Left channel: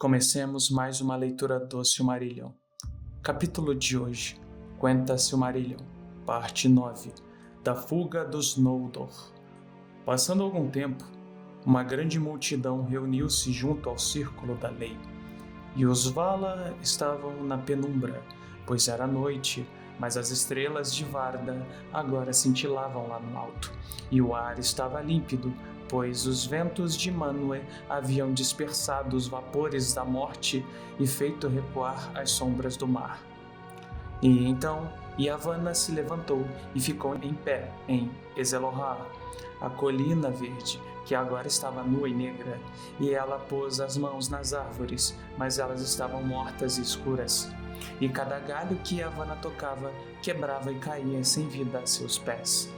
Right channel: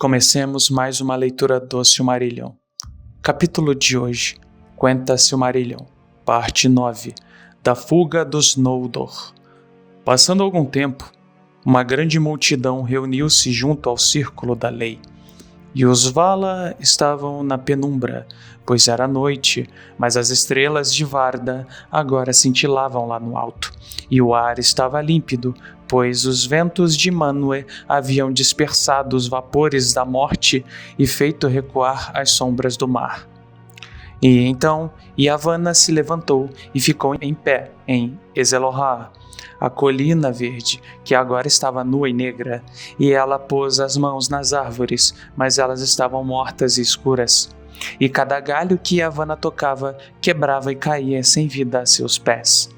Comecemos mais uma leitura do Silmarillion. Capítulo de hoje, Quenta Silmarillion, parte 9, da fuga dos Noldor. Passando algum tempo, uma grande multidão reuniu-se junto ao círculo da lei, e os Valar estavam na penumbra, pois era noite, mas as estrelas de Varda agora cintilavam lá no alto, e o ar estava límpido, pois os ventos de Manwë haviam dispersado os vapores da morte e feito recuar as sombras do mar. E então Yavanna se levantou e ficou em pé em Ezelorhar, a colina verde, que agora estava nua e negra, e ela pôs as mãos nas árvores, mas elas estavam mortas e escuras. E cada galho que Yavanna tocava quebrava e caía sem vida a seus pés.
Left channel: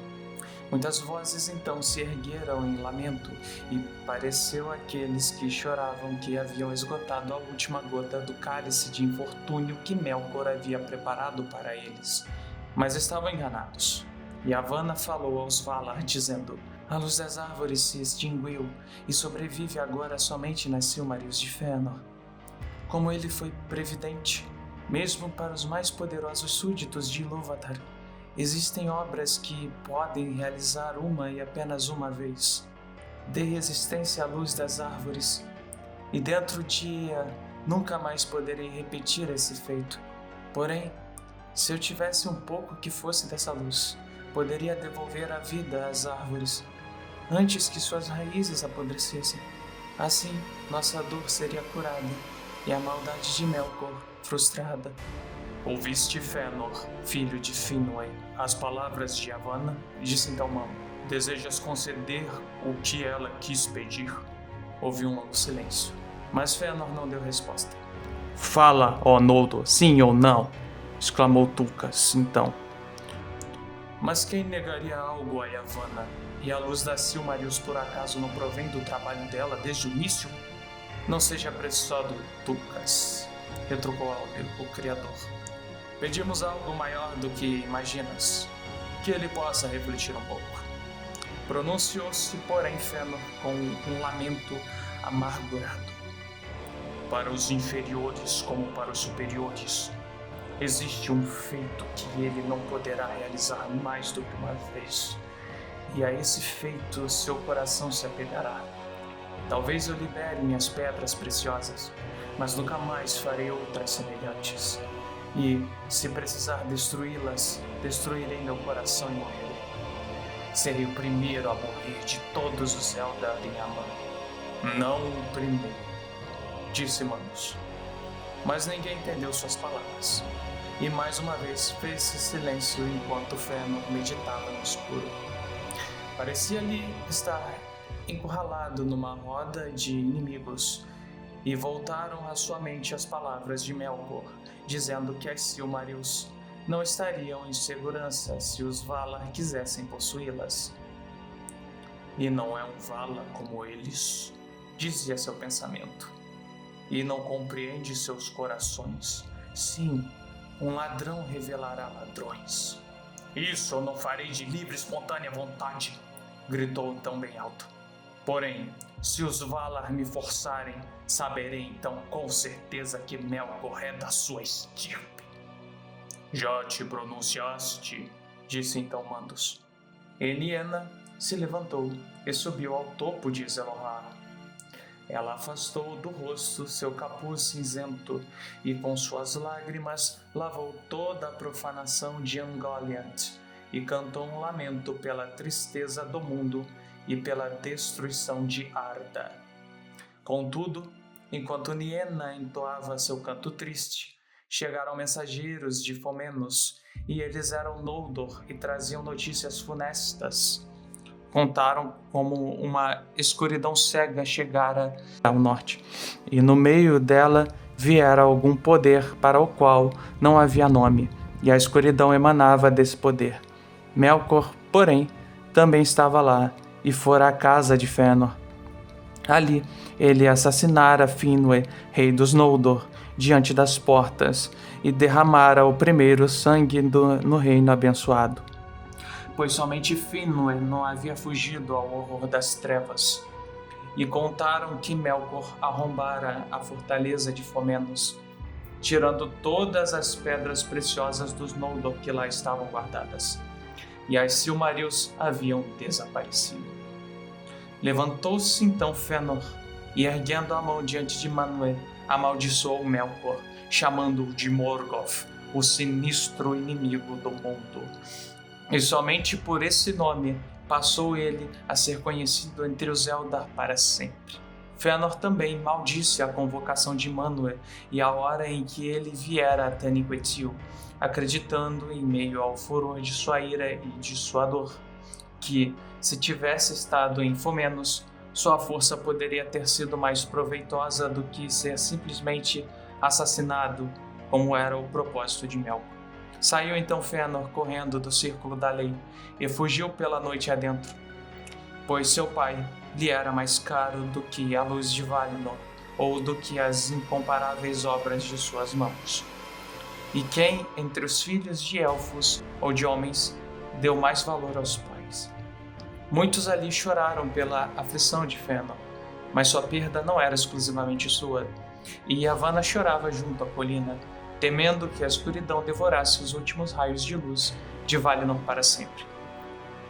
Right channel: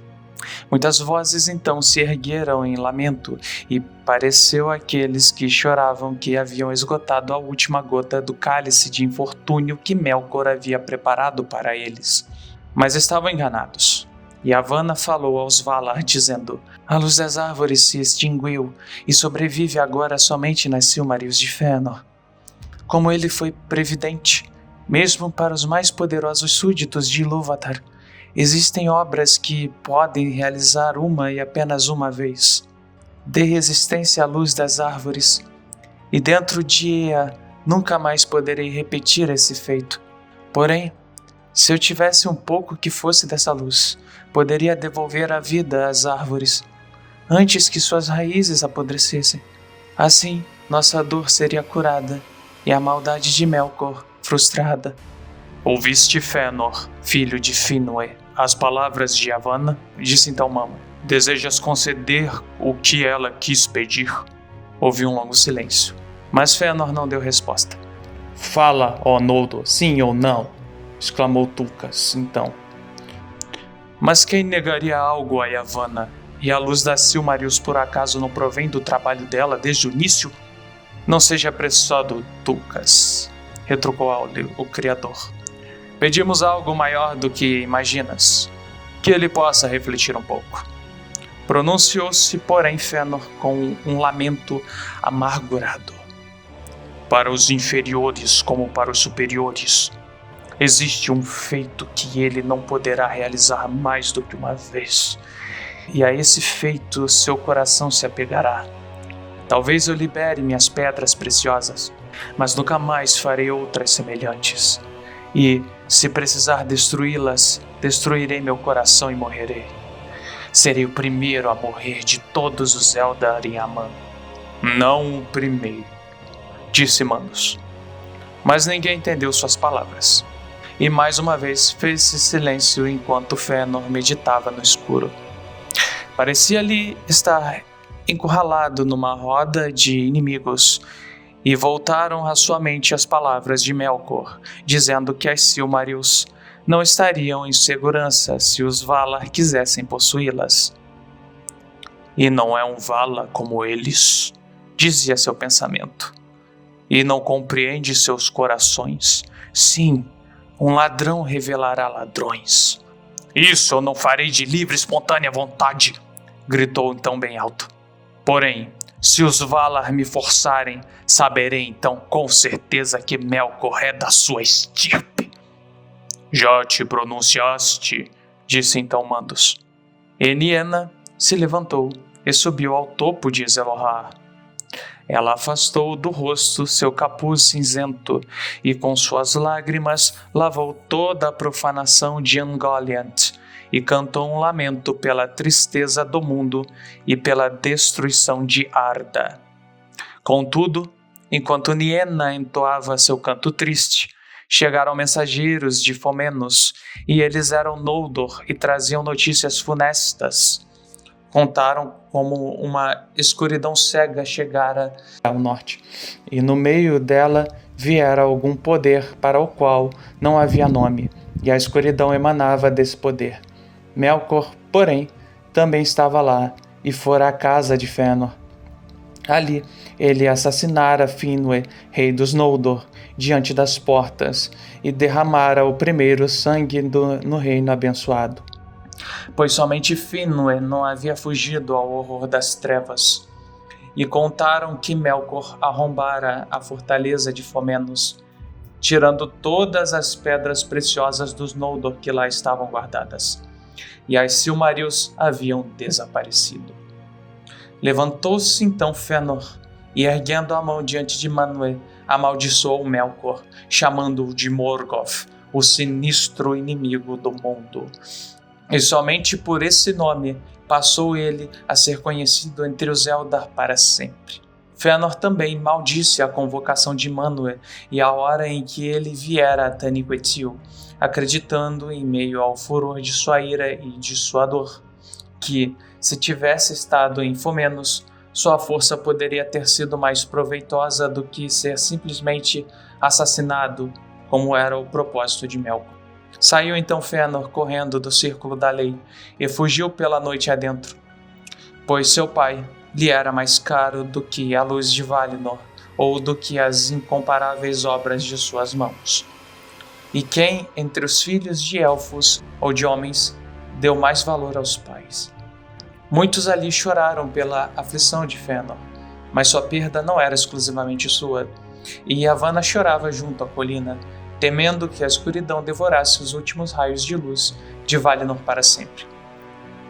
Muitas vozes então se ergueram em lamento, e pareceu àqueles que choravam que haviam esgotado a última gota do cálice de infortúnio que Melkor havia preparado para eles. Mas estavam enganados. Yavanna falou aos Valar, dizendo: "A luz das árvores se extinguiu, e sobrevive agora somente nas Silmarils de Fëanor. Como ele foi previdente, mesmo para os mais poderosos súditos de Ilúvatar, existem obras que podem realizar uma e apenas uma vez. Dê resistência à luz das árvores, e dentro de Ea nunca mais poderei repetir esse feito. Porém, se eu tivesse um pouco que fosse dessa luz, poderia devolver a vida às árvores, antes que suas raízes apodrecessem. Assim, nossa dor seria curada, e a maldade de Melkor frustrada." "Ouviste, Fëanor, filho de Finwë, as palavras de Yavanna?" disse então Mamo. "Desejas conceder o que ela quis pedir?" Houve um longo silêncio, mas Fëanor não deu resposta. "Fala, ó Noldor, sim ou não!" exclamou Tulkas, então. "Mas quem negaria algo a Yavanna? E a luz das Silmarils por acaso não provém do trabalho dela desde o início?" "Não seja apressado, Tulkas", retrucou o Criador. "Pedimos algo maior do que imaginas. Que ele possa refletir um pouco." Pronunciou-se, porém, Fëanor com um lamento amargurado. "Para os inferiores como para os superiores, existe um feito que ele não poderá realizar mais do que uma vez. E a esse feito seu coração se apegará. Talvez eu libere minhas pedras preciosas, mas nunca mais farei outras semelhantes. E, se precisar destruí-las, destruirei meu coração e morrerei. Serei o primeiro a morrer de todos os Eldar em Aman." "Não o primeiro", disse Mandos. Mas ninguém entendeu suas palavras. E mais uma vez fez-se silêncio enquanto Fëanor meditava no escuro. Parecia-lhe estar encurralado numa roda de inimigos, e voltaram à sua mente as palavras de Melkor, dizendo que as Silmarils não estariam em segurança se os Valar quisessem possuí-las. "E não é um Valar como eles", dizia seu pensamento. "E não compreende seus corações. Sim, um ladrão revelará ladrões." "Isso eu não farei de livre e espontânea vontade", gritou então bem alto. "Porém, se os Valar me forçarem, saberei então com certeza que Melkor é da sua estirpe." "Já te pronunciaste", disse então Mandos. E Niena se levantou e subiu ao topo de Ezelorhar. Ela afastou do rosto seu capuz cinzento e com suas lágrimas lavou toda a profanação de Ungoliant e cantou um lamento pela tristeza do mundo e pela destruição de Arda. Contudo, enquanto Niena entoava seu canto triste, chegaram mensageiros de Fomenos, e eles eram Noldor e traziam notícias funestas. Contaram como uma escuridão cega chegara ao norte, e no meio dela viera algum poder para o qual não havia nome, e a escuridão emanava desse poder. Melkor, porém, também estava lá, e fora à casa de Fëanor. Ali, ele assassinara Finwë, rei dos Noldor, diante das portas, e derramara o primeiro sangue no reino abençoado. Pois somente Finwë não havia fugido ao horror das trevas, e contaram que Melkor arrombara a fortaleza de Fômenos, tirando todas as pedras preciosas dos Noldor que lá estavam guardadas, e as Silmarils haviam desaparecido. Levantou-se então Fëanor, e erguendo a mão diante de Manwë, amaldiçoou Melkor, chamando-o de Morgoth, o sinistro inimigo do mundo. E somente por esse nome passou ele a ser conhecido entre os Eldar para sempre. Fëanor também maldisse a convocação de Manwë e a hora em que ele viera a Taniquetil, acreditando, em meio ao furor de sua ira e de sua dor, que, se tivesse estado em Fômenos, sua força poderia ter sido mais proveitosa do que ser simplesmente assassinado, como era o propósito de Melkor. Saiu então Fëanor correndo do círculo da lei e fugiu pela noite adentro, pois seu pai lhe era mais caro do que a luz de Valinor ou do que as incomparáveis obras de suas mãos. E quem, entre os filhos de elfos ou de homens, deu mais valor aos pais? Muitos ali choraram pela aflição de Fëanor, mas sua perda não era exclusivamente sua, e Yavanna chorava junto à colina, temendo que a escuridão devorasse os últimos raios de luz de Valinor para sempre.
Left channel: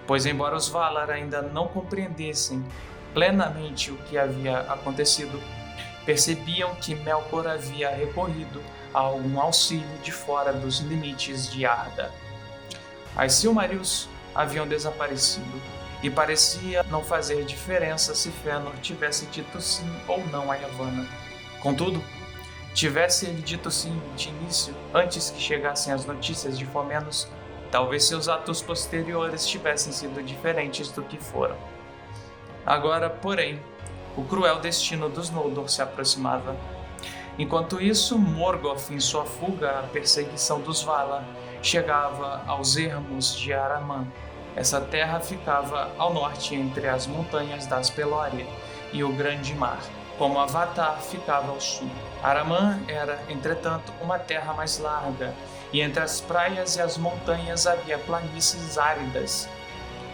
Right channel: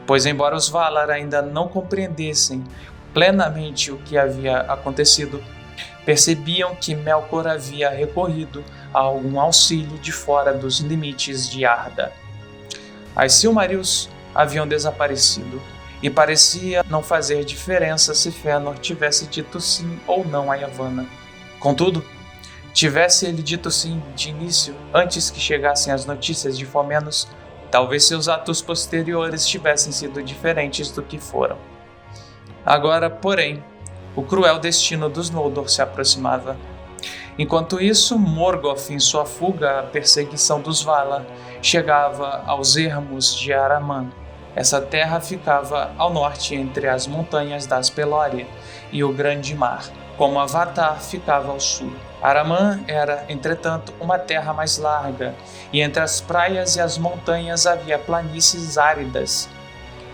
Pois embora os Valar ainda não compreendessem plenamente o que havia acontecido, percebiam que Melkor havia recorrido a algum auxílio de fora dos limites de Arda. As Silmarils haviam desaparecido, e parecia não fazer diferença se Fëanor tivesse dito sim ou não a Yavanna. Contudo, tivesse ele dito sim de início, antes que chegassem as notícias de Fômenos, talvez seus atos posteriores tivessem sido diferentes do que foram. Agora, porém, o cruel destino dos Noldor se aproximava. Enquanto isso, Morgoth, em sua fuga à perseguição dos Valar, chegava aos ermos de Araman. Essa terra ficava ao norte entre as montanhas das Pelóri e o Grande Mar, como Avatar ficava ao sul. Araman era, entretanto, uma terra mais larga, e entre as praias e as montanhas havia planícies áridas,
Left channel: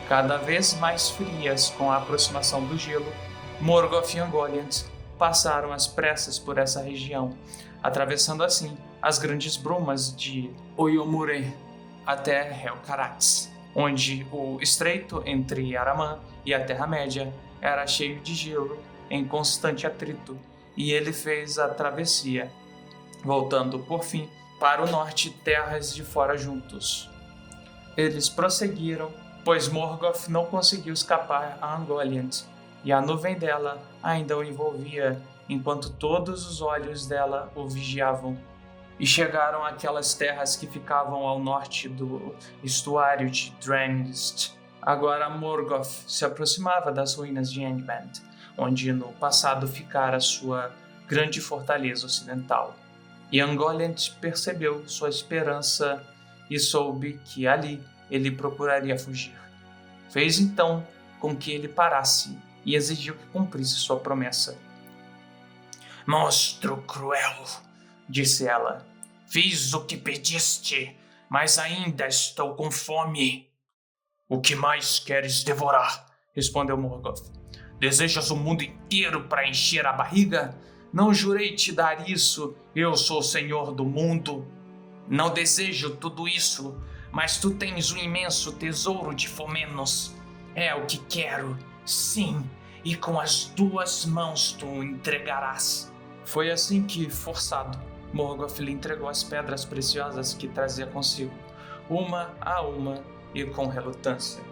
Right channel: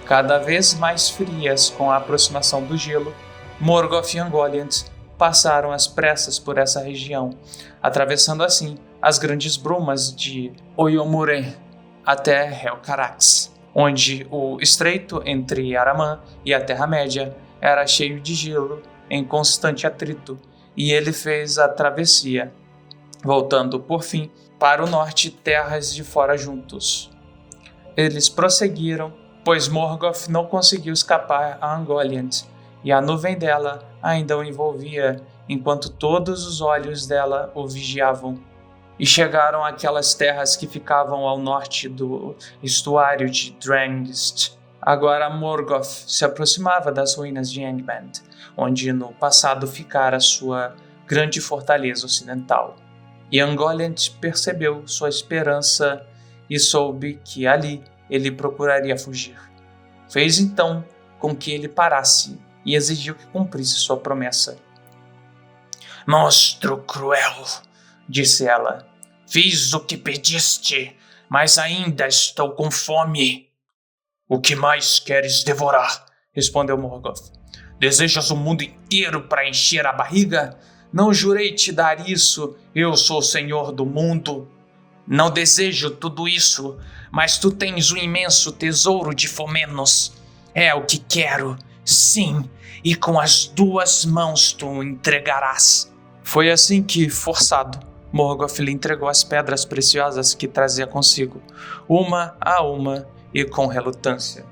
cada vez mais frias com a aproximação do gelo. Morgoth e Ungoliant passaram às pressas por essa região, atravessando assim as grandes brumas de Oyomure até Helcarax, onde o estreito entre Araman e a Terra-média era cheio de gelo em constante atrito, e ele fez a travessia, voltando, por fim, para o norte terras de fora juntos. Eles prosseguiram, pois Morgoth não conseguiu escapar a Ungoliant, e a nuvem dela ainda o envolvia, enquanto todos os olhos dela o vigiavam. E chegaram àquelas terras que ficavam ao norte do estuário de Drangst. Agora Morgoth se aproximava das ruínas de Angband, onde no passado ficara sua grande fortaleza ocidental. E Ungoliant percebeu sua esperança e soube que ali ele procuraria fugir. Fez então com que ele parasse e exigiu que cumprisse sua promessa. "Monstro cruel", disse ela, "fiz o que pediste, mas ainda estou com fome." "O que mais queres devorar?", respondeu Morgoth. "Desejas o mundo inteiro para encher a barriga? Não jurei te dar isso, eu sou o senhor do mundo." "Não desejo tudo isso, mas tu tens o imenso tesouro de Fômenos. É o que quero, sim, e com as 2 mãos tu o entregarás." Foi assim que, forçado, Morgoth lhe entregou as pedras preciosas que trazia consigo, uma a uma e com relutância.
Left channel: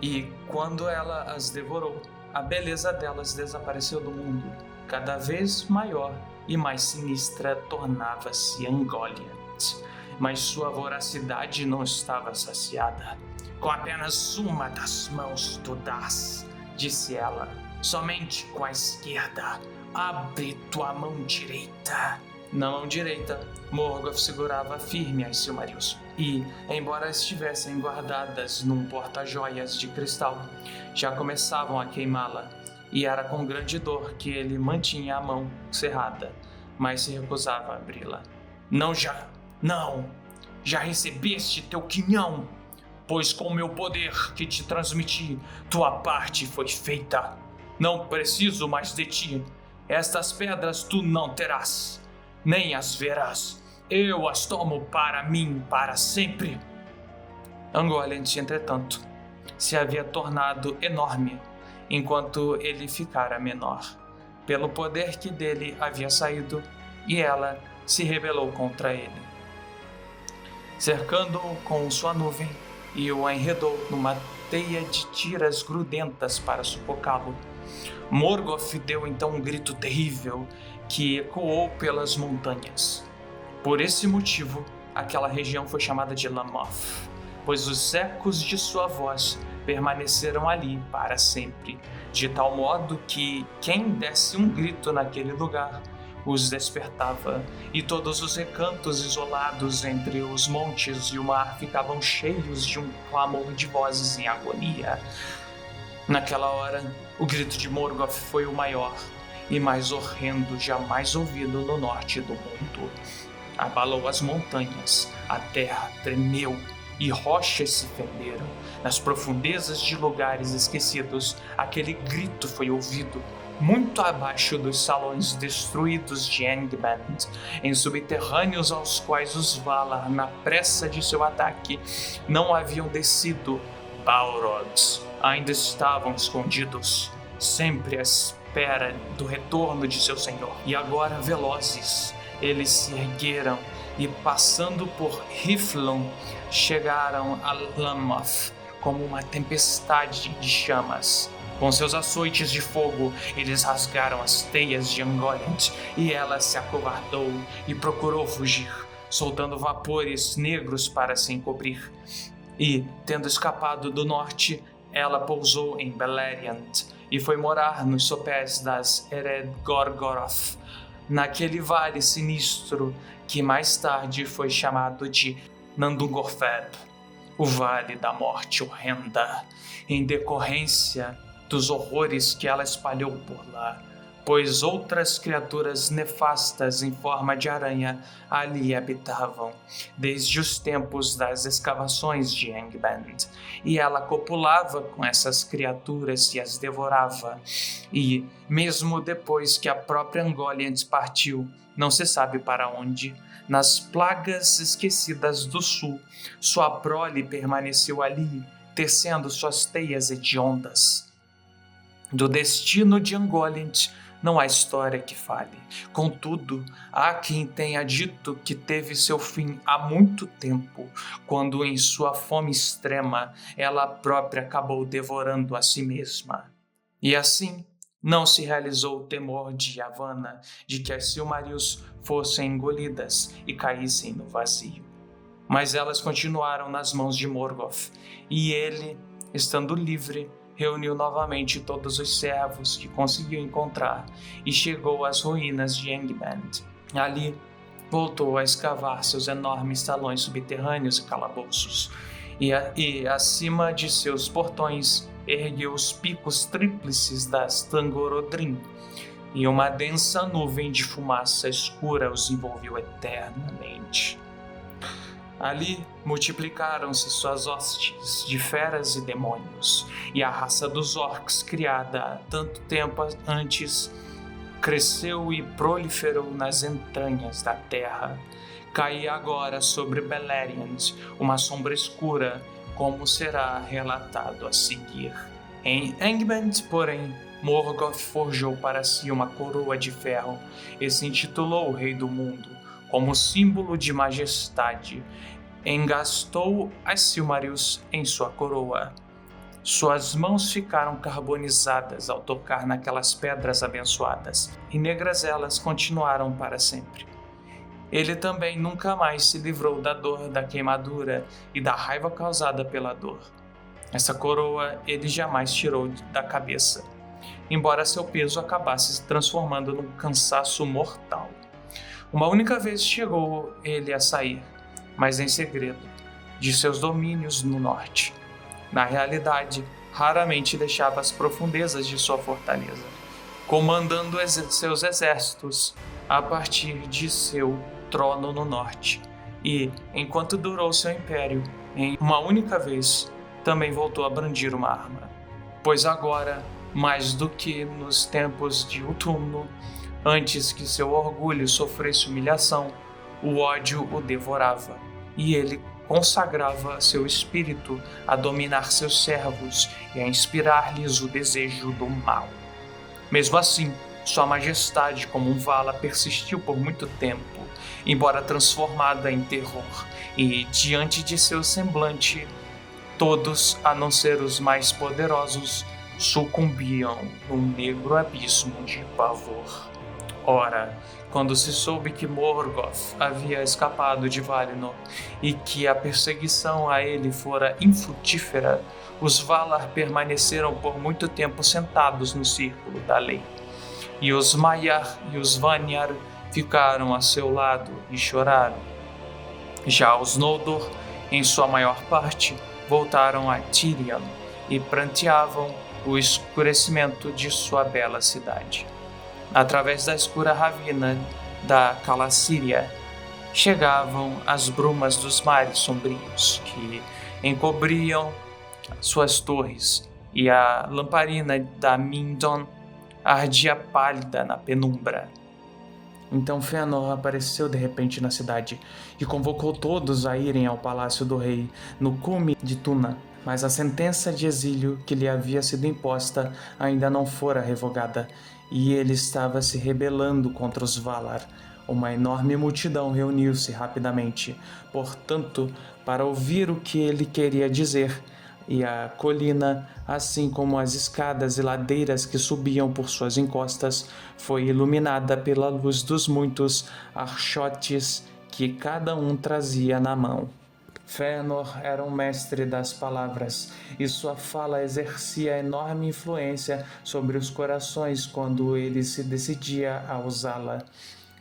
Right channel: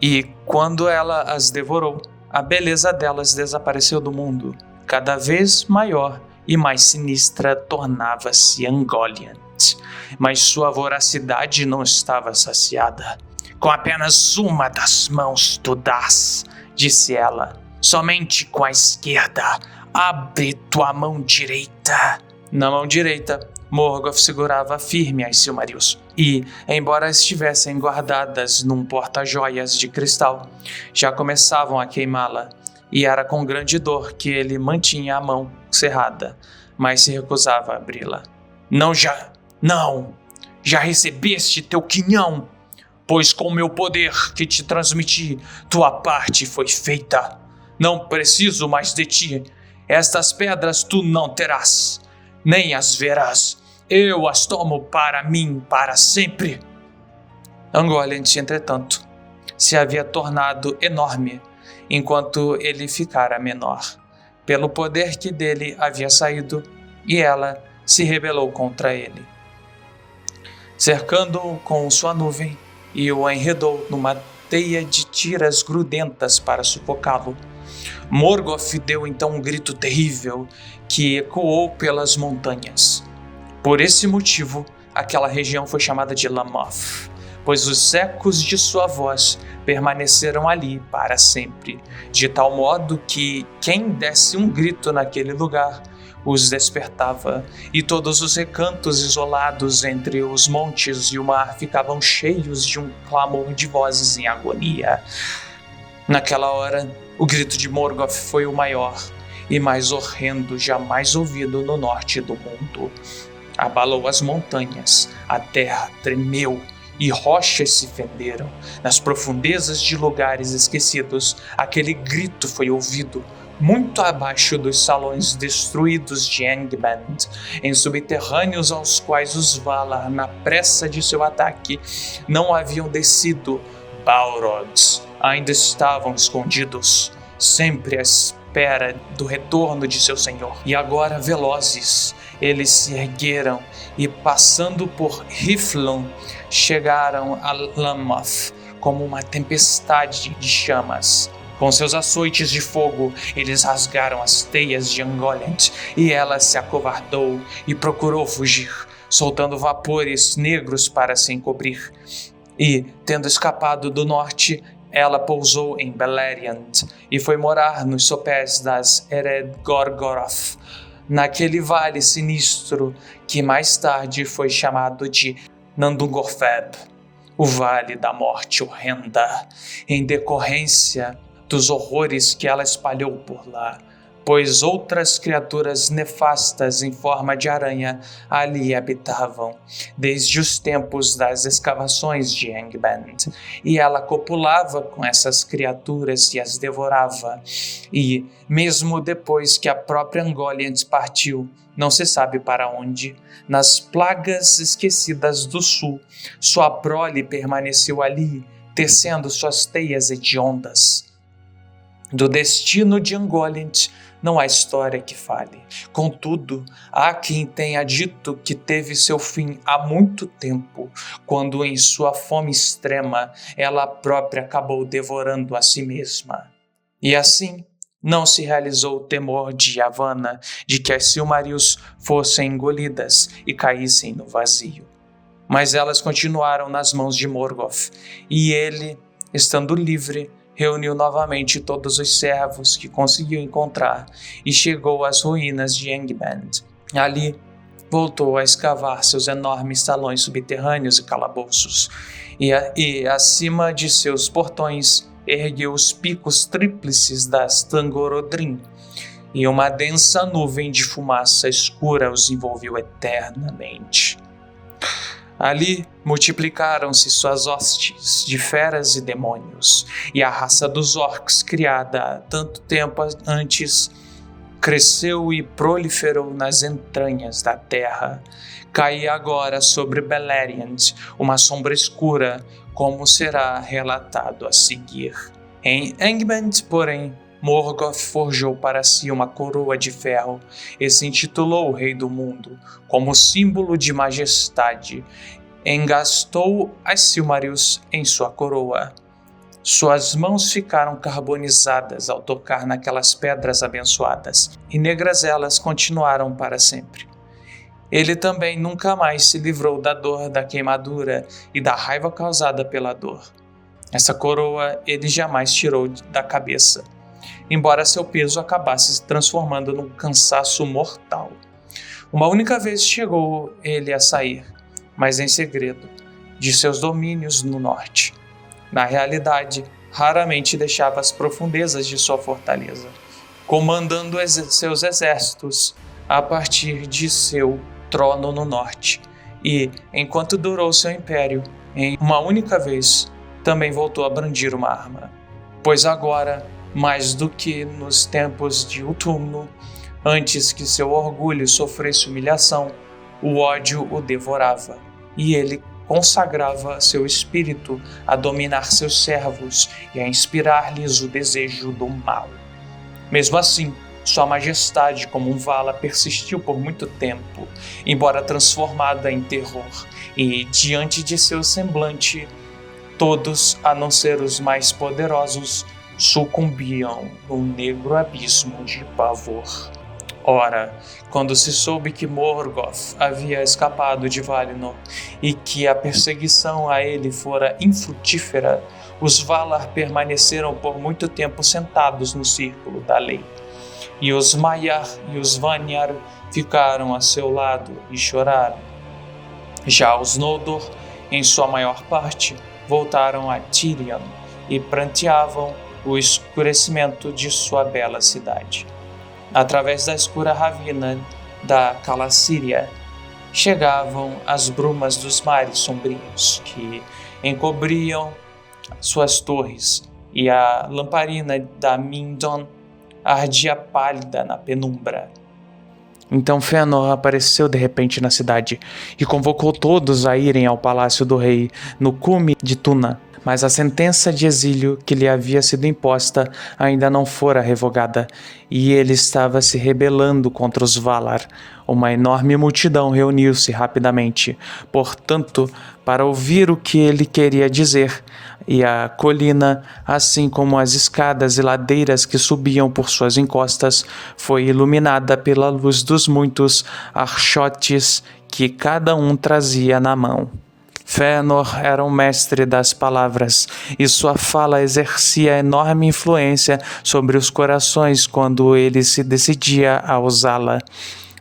E, quando ela as devorou, a beleza delas desapareceu do mundo. Cada vez maior e mais sinistra tornava-se Ungoliant, mas sua voracidade não estava saciada. "Com apenas uma das mãos tu dás", disse ela. "Somente com a esquerda. Abre tua mão direita." Na mão direita, Morgoth segurava firme as Silmarils, e, embora estivessem guardadas num porta-joias de cristal, já começavam a queimá-la, e era com grande dor que ele mantinha a mão cerrada, mas se recusava a abri-la. Não, já recebeste teu quinhão, pois com meu poder que te transmiti, tua parte foi feita. Não preciso mais de ti. Estas pedras tu não terás, nem as verás. Eu as tomo para mim para sempre. Ungoliant, entretanto, se havia tornado enorme, enquanto ele ficara menor, pelo poder que dele havia saído, e ela se rebelou contra ele, cercando-o com sua nuvem e o enredou numa teia de tiras grudentas para sufocá-lo. Morgoth deu então um grito terrível que ecoou pelas montanhas. Por esse motivo, aquela região foi chamada de Lamoth, pois os ecos de sua voz permaneceram ali para sempre, de tal modo que quem desse um grito naquele lugar os despertava, e todos os recantos isolados entre os montes e o mar ficavam cheios de um clamor de vozes em agonia. Naquela hora, o grito de Morgoth foi o maior e mais horrendo jamais ouvido no norte do mundo. Abalou as montanhas, a terra tremeu e rochas se fenderam. Nas profundezas de lugares esquecidos, aquele grito foi ouvido, muito abaixo dos salões destruídos de Angband, em subterrâneos aos quais os Valar, na pressa de seu ataque, não haviam descido. Balrogs ainda estavam escondidos, sempre à espera do retorno de seu senhor. E agora, velozes, eles se ergueram e, passando por Hithlum, chegaram a Lamoth como uma tempestade de chamas. Com seus açoites de fogo, eles rasgaram as teias de Ungoliant, e ela se acovardou e procurou fugir, soltando vapores negros para se encobrir. E, tendo escapado do norte, ela pousou em Beleriand e foi morar nos sopés das Ered Gorgoroth, naquele vale sinistro que mais tarde foi chamado de Nandungorfeb, o Vale da Morte Horrenda, em decorrência dos horrores que ela espalhou por lá, pois outras criaturas nefastas em forma de aranha ali habitavam, desde os tempos das escavações de Angband, e ela copulava com essas criaturas e as devorava. E, mesmo depois que a própria Ungoliant partiu, não se sabe para onde, nas plagas esquecidas do sul, sua prole permaneceu ali, tecendo suas teias hediondas. Do destino de Ungoliant não há história que fale. Contudo, há quem tenha dito que teve seu fim há muito tempo, quando em sua fome extrema ela própria acabou devorando a si mesma. E assim, não se realizou o temor de Yavanna de que as Silmarils fossem engolidas e caíssem no vazio. Mas elas continuaram nas mãos de Morgoth, e ele, estando livre, reuniu novamente todos os servos que conseguiu encontrar e chegou às ruínas de Angband. Ali, voltou a escavar seus enormes salões subterrâneos e calabouços, e acima de seus portões ergueu os picos tríplices das Tangorodrim, e uma densa nuvem de fumaça escura os envolveu eternamente. Ali multiplicaram-se suas hostes de feras e demônios, e a raça dos orcs, criada há tanto tempo antes, cresceu e proliferou nas entranhas da terra. Caía agora sobre Beleriand uma sombra escura, como será relatado a seguir. Em Angband, porém, Morgoth forjou para si uma coroa de ferro e se intitulou o Rei do Mundo, como símbolo de majestade. Engastou as Silmarils em sua coroa. Suas mãos ficaram carbonizadas ao tocar naquelas pedras abençoadas, e negras elas continuaram para sempre. Ele também nunca mais se livrou da dor da queimadura e da raiva causada pela dor. Essa coroa ele jamais tirou da cabeça, embora seu peso acabasse se transformando num cansaço mortal. Uma única vez chegou ele a sair, mas em segredo, de seus domínios no norte. Na realidade, raramente deixava as profundezas de sua fortaleza, comandando seus exércitos a partir de seu trono no norte. E, enquanto durou seu império, em uma única vez, também voltou a brandir uma arma. Pois agora, mais do que nos tempos de outono, antes que seu orgulho sofresse humilhação, o ódio o devorava, e ele consagrava seu espírito a dominar seus servos e a inspirar-lhes o desejo do mal. Mesmo assim, sua majestade como um Vala persistiu por muito tempo, embora transformada em terror, e diante de seu semblante, todos, a não ser os mais poderosos, sucumbiam num negro abismo de pavor. Ora, quando se soube que Morgoth havia escapado de Valinor e que a perseguição a ele fora infrutífera, os Valar permaneceram por muito tempo sentados no círculo da lei. E os Maiar e os Vanyar ficaram a seu lado e choraram. Já os Noldor, em sua maior parte, voltaram a Tirion e pranteavam o escurecimento de sua bela cidade. Através da escura ravina da Calacíria, chegavam as brumas dos mares sombrios, que encobriam suas torres, e a lamparina da Mindon ardia pálida na penumbra. Então Fëanor apareceu de repente na cidade e convocou todos a irem ao palácio do rei no cume de Tuna. Mas a sentença de exílio que lhe havia sido imposta ainda não fora revogada, e ele estava se rebelando contra os Valar. Uma enorme multidão reuniu-se rapidamente, portanto, para ouvir o que ele queria dizer, e a colina, assim como as escadas e ladeiras que subiam por suas encostas, foi iluminada pela luz dos muitos archotes que cada um trazia na mão. Fëanor era um mestre das palavras, e sua fala exercia enorme influência sobre os corações quando ele se decidia a usá-la.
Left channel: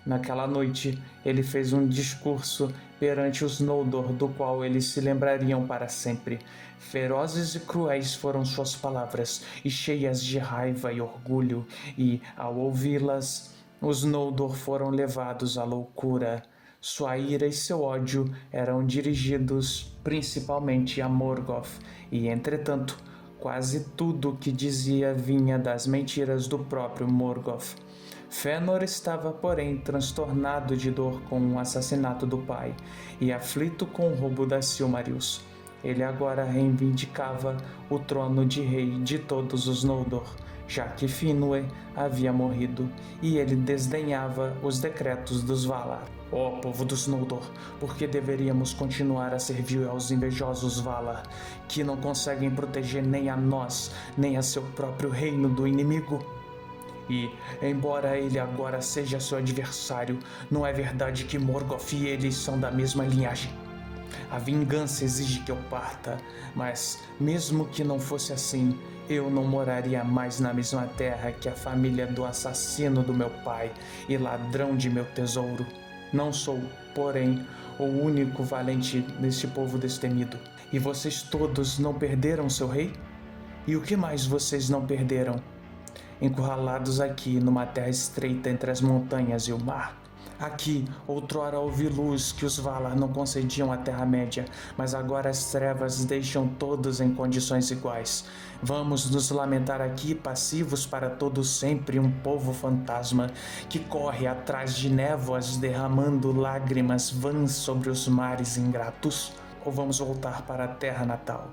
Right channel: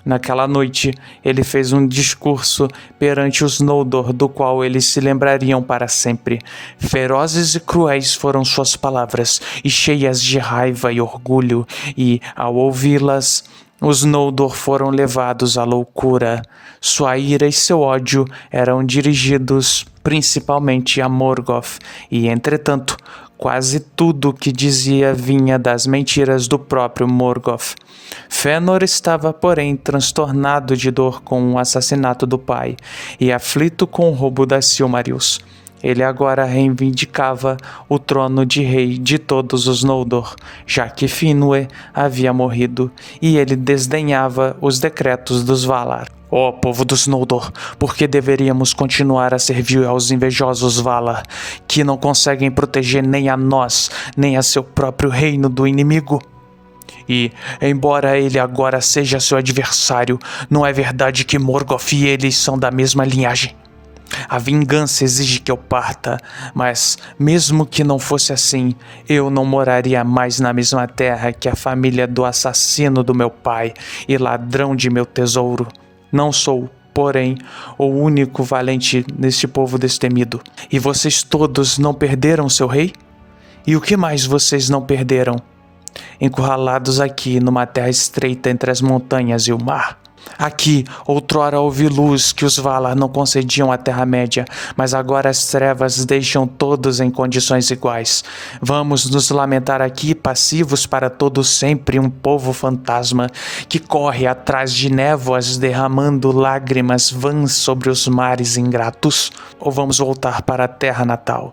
Naquela noite, ele fez um discurso perante os Noldor, do qual eles se lembrariam para sempre. Ferozes e cruéis foram suas palavras, e cheias de raiva e orgulho, e, ao ouvi-las, os Noldor foram levados à loucura. Sua ira e seu ódio eram dirigidos principalmente a Morgoth, e, entretanto, quase tudo o que dizia vinha das mentiras do próprio Morgoth. Fëanor estava, porém, transtornado de dor com o assassinato do pai e aflito com o roubo das Silmarils. Ele agora reivindicava o trono de rei de todos os Noldor, já que Finwë havia morrido, e ele desdenhava os decretos dos Valar. Ó povo dos Noldor, por que deveríamos continuar a servir aos invejosos Valar, que não conseguem proteger nem a nós, nem a seu próprio reino do inimigo? E, embora ele agora seja seu adversário, não é verdade que Morgoth e ele são da mesma linhagem? A vingança exige que eu parta, mas mesmo que não fosse assim, eu não moraria mais na mesma terra que a família do assassino do meu pai e ladrão de meu tesouro. Não sou, porém, o único valente neste povo destemido. E vocês todos não perderam seu rei? E o que mais vocês não perderam? Encurralados aqui numa terra estreita entre as montanhas e o mar. Aqui, outrora houve luz que os Valar não concediam à Terra-média, mas agora as trevas deixam todos em condições iguais. Vamos nos lamentar aqui, passivos para todo sempre, um povo fantasma que corre atrás de névoas derramando lágrimas vãs sobre os mares ingratos? Ou vamos voltar para a terra natal?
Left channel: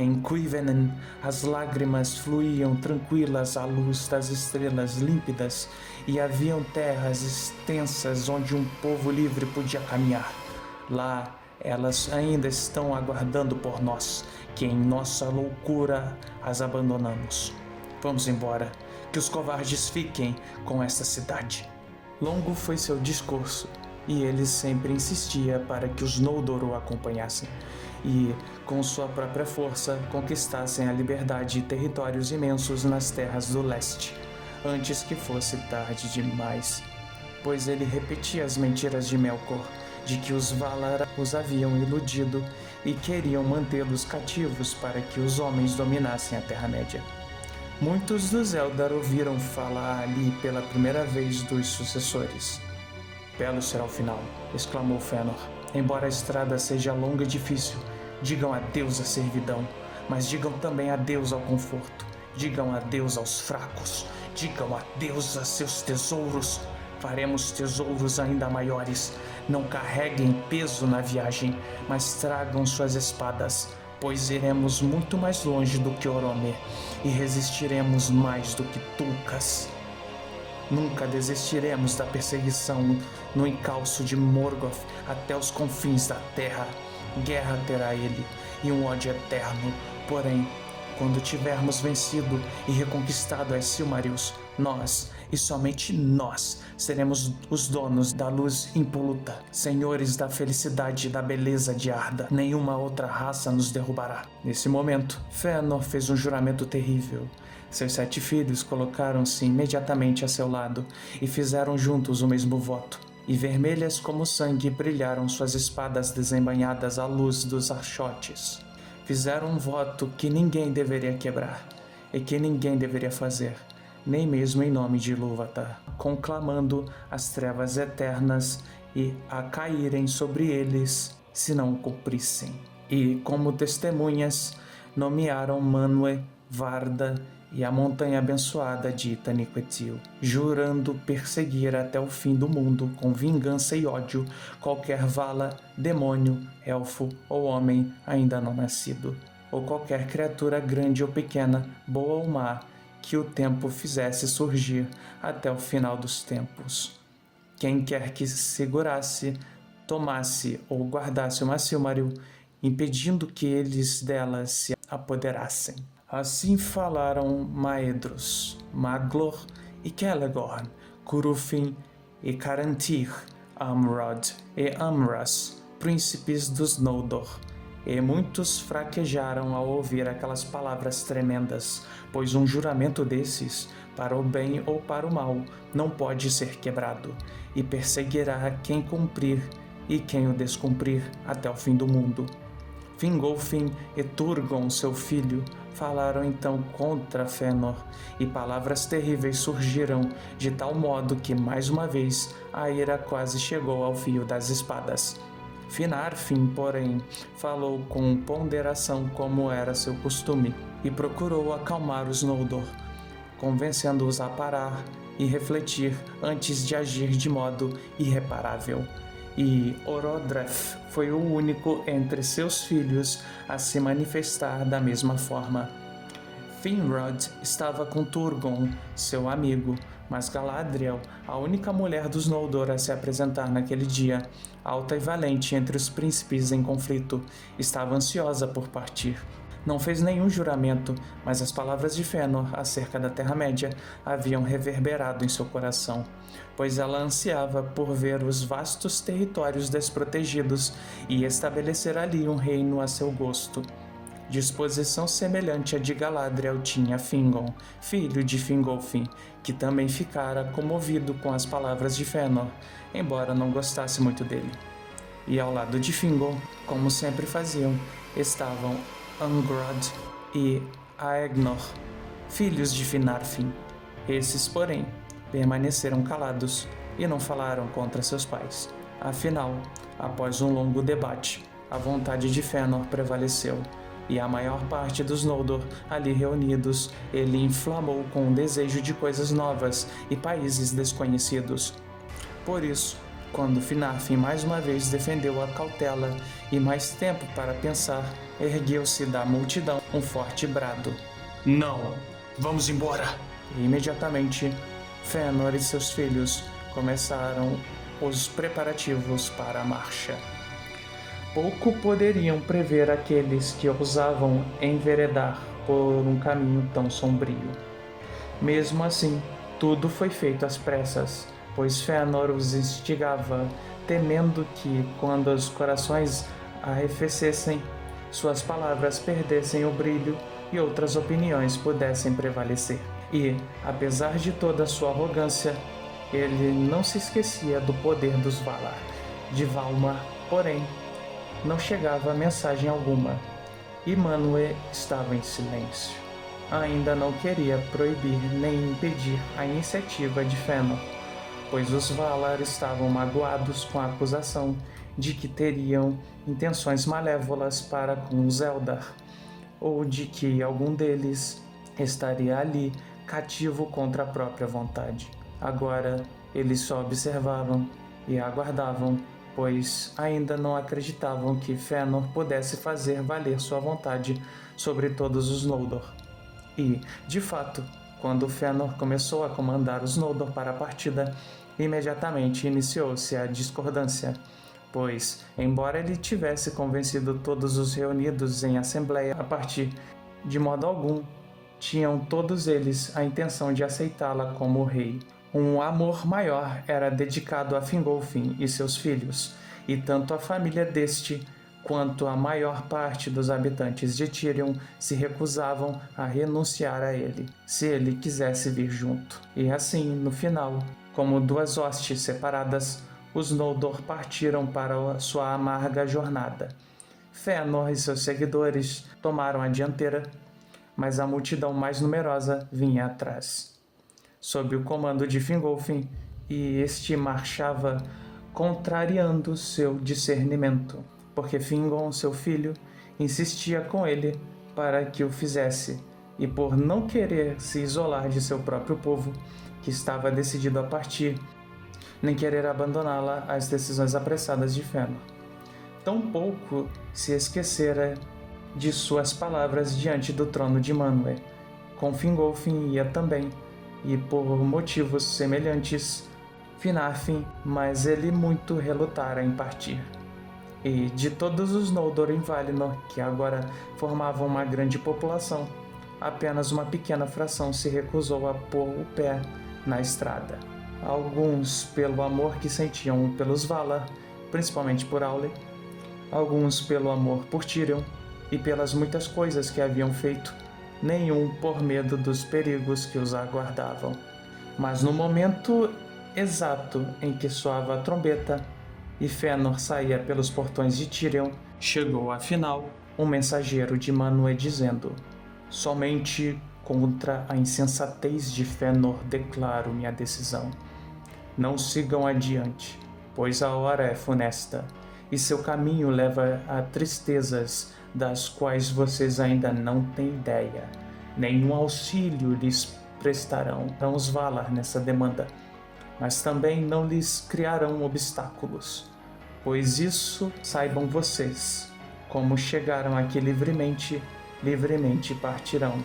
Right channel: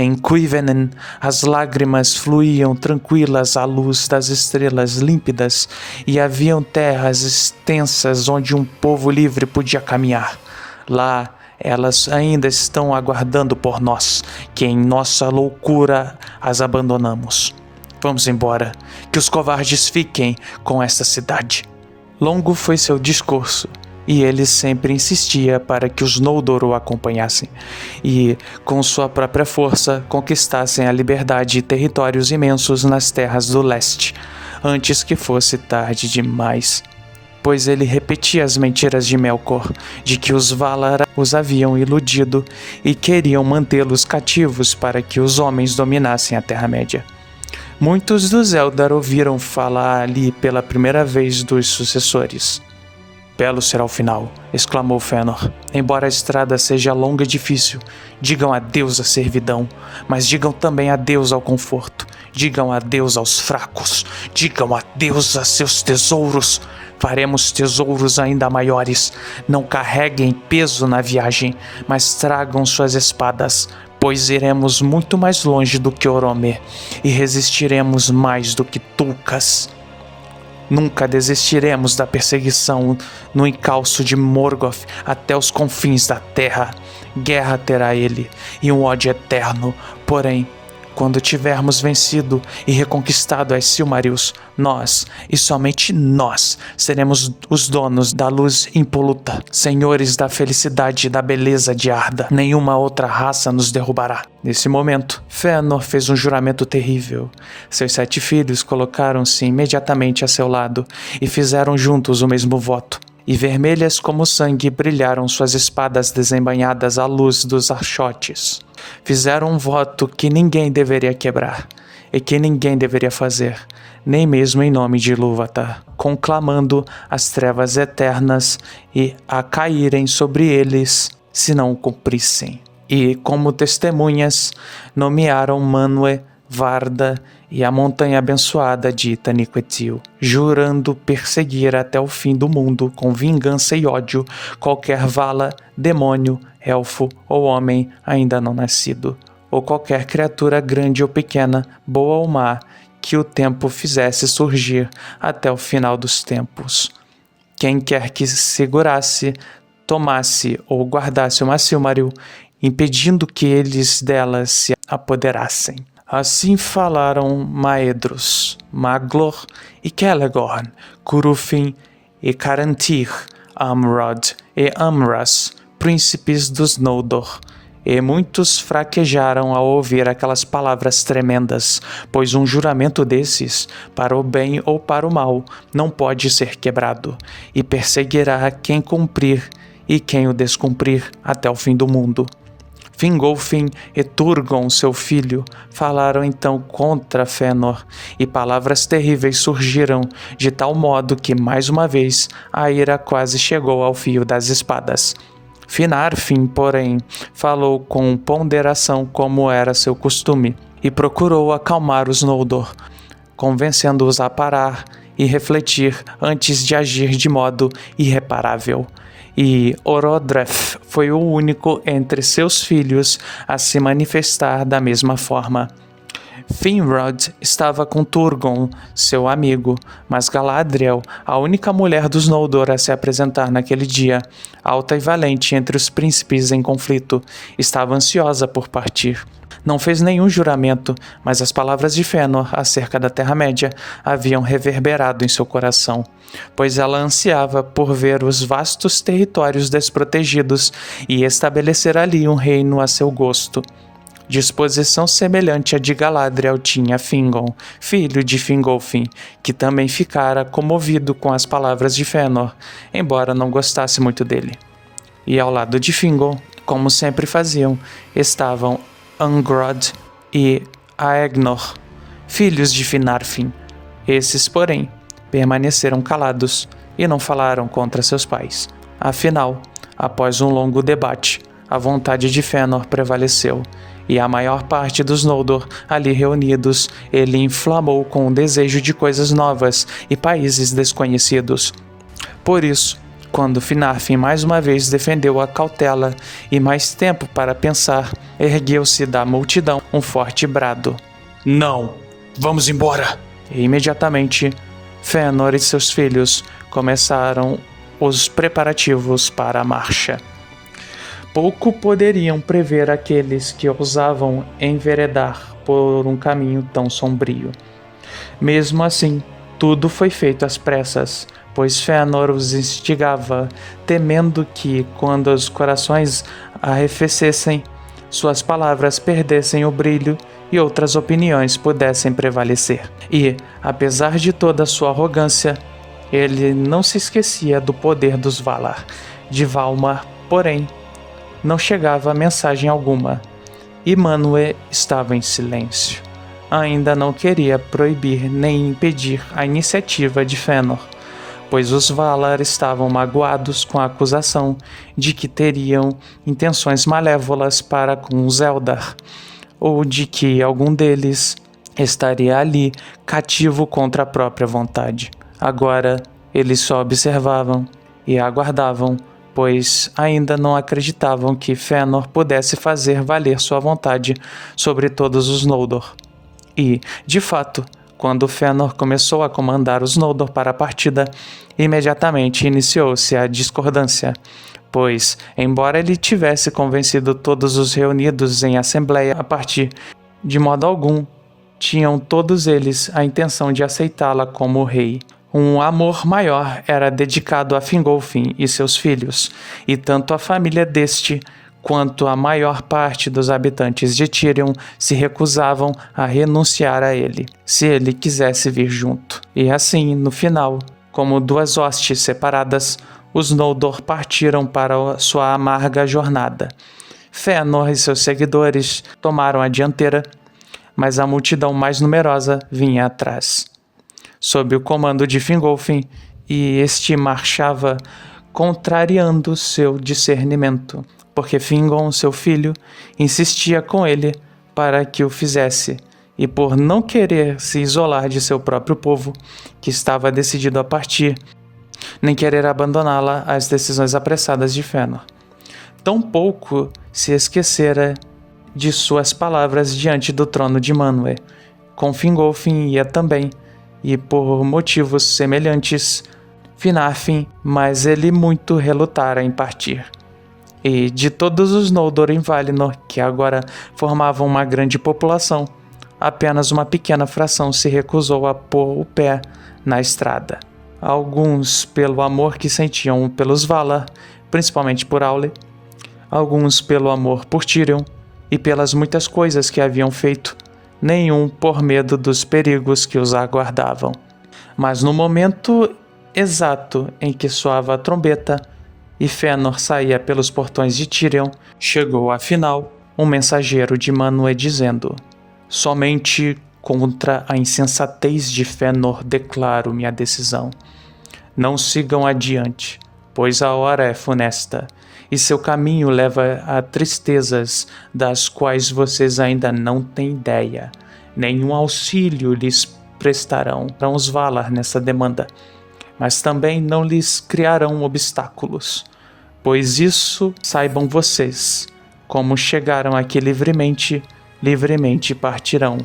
Em Cuivennen, as lágrimas fluíam tranquilas à luz das estrelas límpidas e haviam terras extensas onde um povo livre podia caminhar. Lá, elas ainda estão aguardando por nós, que em nossa loucura as abandonamos. Vamos embora, que os covardes fiquem com esta cidade. Longo foi seu discurso, e ele sempre insistia para que os Noldor o acompanhassem e, com sua própria força, conquistassem a liberdade e territórios imensos nas terras do leste, antes que fosse tarde demais. Pois ele repetia as mentiras de Melkor, de que os Valar os haviam iludido e queriam mantê-los cativos para que os homens dominassem a Terra-média. Muitos dos Eldar ouviram falar ali pela primeira vez dos sucessores. Belo será o final, exclamou Fëanor. Embora a estrada seja longa e difícil, digam adeus à servidão, mas digam também adeus ao conforto. Digam adeus aos fracos. Digam adeus a seus tesouros. Faremos tesouros ainda maiores. Não carreguem peso na viagem, mas tragam suas espadas, pois iremos muito mais longe do que Orome e resistiremos mais do que Tulkas. Nunca desistiremos da perseguição no encalço de Morgoth até os confins da terra. Guerra terá ele e um ódio eterno, porém, quando tivermos vencido e reconquistado as Silmarils, nós, e somente nós, seremos os donos da luz impoluta, senhores da felicidade e da beleza de Arda. Nenhuma outra raça nos derrubará. Nesse momento, Fëanor fez um juramento terrível. Seus 7 filhos colocaram-se imediatamente a seu lado e fizeram juntos o mesmo voto. E vermelhas como sangue brilharam suas espadas desembainhadas à luz dos archotes. Fizeram um voto que ninguém deveria quebrar, e que ninguém deveria fazer, nem mesmo em nome de Ilúvatar, conclamando as trevas eternas e a caírem sobre eles se não o cumprissem. E, como testemunhas, nomearam Manwë, Varda e a montanha abençoada de Taniquetil, jurando perseguir até o fim do mundo com vingança e ódio qualquer vala, demônio, elfo ou homem ainda não nascido, ou qualquer criatura grande ou pequena, boa ou má, que o tempo fizesse surgir até o final dos tempos. Quem quer que segurasse, tomasse ou guardasse uma Silmaril, impedindo que eles delas se apoderassem. Assim falaram Maedhros, Maglor e Celegorn, Curufin e Caranthir, Amrod e Amras, príncipes dos Noldor. E muitos fraquejaram ao ouvir aquelas palavras tremendas, pois um juramento desses, para o bem ou para o mal, não pode ser quebrado, e perseguirá quem cumprir e quem o descumprir até o fim do mundo. Fingolfin e Turgon, seu filho, falaram então contra Fëanor, e palavras terríveis surgiram, de tal modo que, mais uma vez, a ira quase chegou ao fio das espadas. Finarfin, porém, falou com ponderação como era seu costume, e procurou acalmar os Noldor, convencendo-os a parar e refletir antes de agir de modo irreparável. E Orodreth foi o único entre seus filhos a se manifestar da mesma forma. Finrod estava com Turgon, seu amigo, mas Galadriel, a única mulher dos Noldor a se apresentar naquele dia, alta e valente entre os príncipes em conflito, estava ansiosa por partir. Não fez nenhum juramento, mas as palavras de Fëanor acerca da Terra-média haviam reverberado em seu coração, pois ela ansiava por ver os vastos territórios desprotegidos e estabelecer ali um reino a seu gosto. Disposição semelhante à de Galadriel tinha Fingon, filho de Fingolfin, que também ficara comovido com as palavras de Fëanor, embora não gostasse muito dele. E ao lado de Fingon, como sempre faziam, estavam Angrod e Aegnor, filhos de Finarfin. Esses, porém, permaneceram calados e não falaram contra seus pais. Afinal, após um longo debate, a vontade de Fëanor prevaleceu, e a maior parte dos Noldor ali reunidos ele inflamou com o desejo de coisas novas e países desconhecidos. Por isso, quando Finarfin mais uma vez defendeu a cautela e mais tempo para pensar, ergueu-se da multidão um forte brado. Não! Vamos embora! E imediatamente, Fëanor e seus filhos começaram os preparativos para a marcha. Pouco poderiam prever aqueles que ousavam enveredar por um caminho tão sombrio. Mesmo assim, tudo foi feito às pressas, pois Fëanor os instigava, temendo que, quando os corações arrefecessem, suas palavras perdessem o brilho e outras opiniões pudessem prevalecer. E, apesar de toda sua arrogância, ele não se esquecia do poder dos Valar. De Valmar, porém, não chegava mensagem alguma, e Manwë estava em silêncio. Ainda não queria proibir nem impedir a iniciativa de Fëanor, pois os Valar estavam magoados com a acusação de que teriam intenções malévolas para com os Eldar, ou de que algum deles estaria ali, cativo contra a própria vontade. Agora, eles só observavam e aguardavam, pois ainda não acreditavam que Fëanor pudesse fazer valer sua vontade sobre todos os Noldor. E, de fato, quando Fëanor começou a comandar os Noldor para a partida, imediatamente iniciou-se a discordância, pois, embora ele tivesse convencido todos os reunidos em assembleia a partir, de modo algum, tinham todos eles a intenção de aceitá-la como rei. Um amor maior era dedicado a Fingolfin e seus filhos, e tanto a família deste quanto a maior parte dos habitantes de Tirion se recusavam a renunciar a ele, se ele quisesse vir junto. E assim, no final, como duas hostes separadas, os Noldor partiram para sua amarga jornada. Fëanor e seus seguidores tomaram a dianteira, mas a multidão mais numerosa vinha atrás, sob o comando de Fingolfin, e este marchava contrariando seu discernimento, porque Fingon, seu filho, insistia com ele para que o fizesse, e por não querer se isolar de seu próprio povo, que estava decidido a partir, nem querer abandoná-la às decisões apressadas de Fëanor. Tampouco se esquecera de suas palavras diante do trono de Manwë. Com Fingolfin ia também, e por motivos semelhantes, Finarfin, mas ele muito relutara em partir. E de todos os Noldor em Valinor, que agora formavam uma grande população, apenas uma pequena fração se recusou a pôr o pé na estrada. Alguns pelo amor que sentiam pelos Valar, principalmente por Aule, alguns pelo amor por Tirion e pelas muitas coisas que haviam feito, nenhum por medo dos perigos que os aguardavam. Mas no momento exato em que soava a trombeta e Fëanor saía pelos portões de Tirion, chegou afinal um mensageiro de Manwë dizendo: somente contra a insensatez de Fëanor declaro minha decisão. Não sigam adiante, pois a hora é funesta, e seu caminho leva a tristezas das quais vocês ainda não têm ideia. Nenhum auxílio lhes prestarão os Valar nessa demanda, mas também não lhes criarão obstáculos, pois isso saibam vocês. Como chegaram aqui livremente, livremente partirão.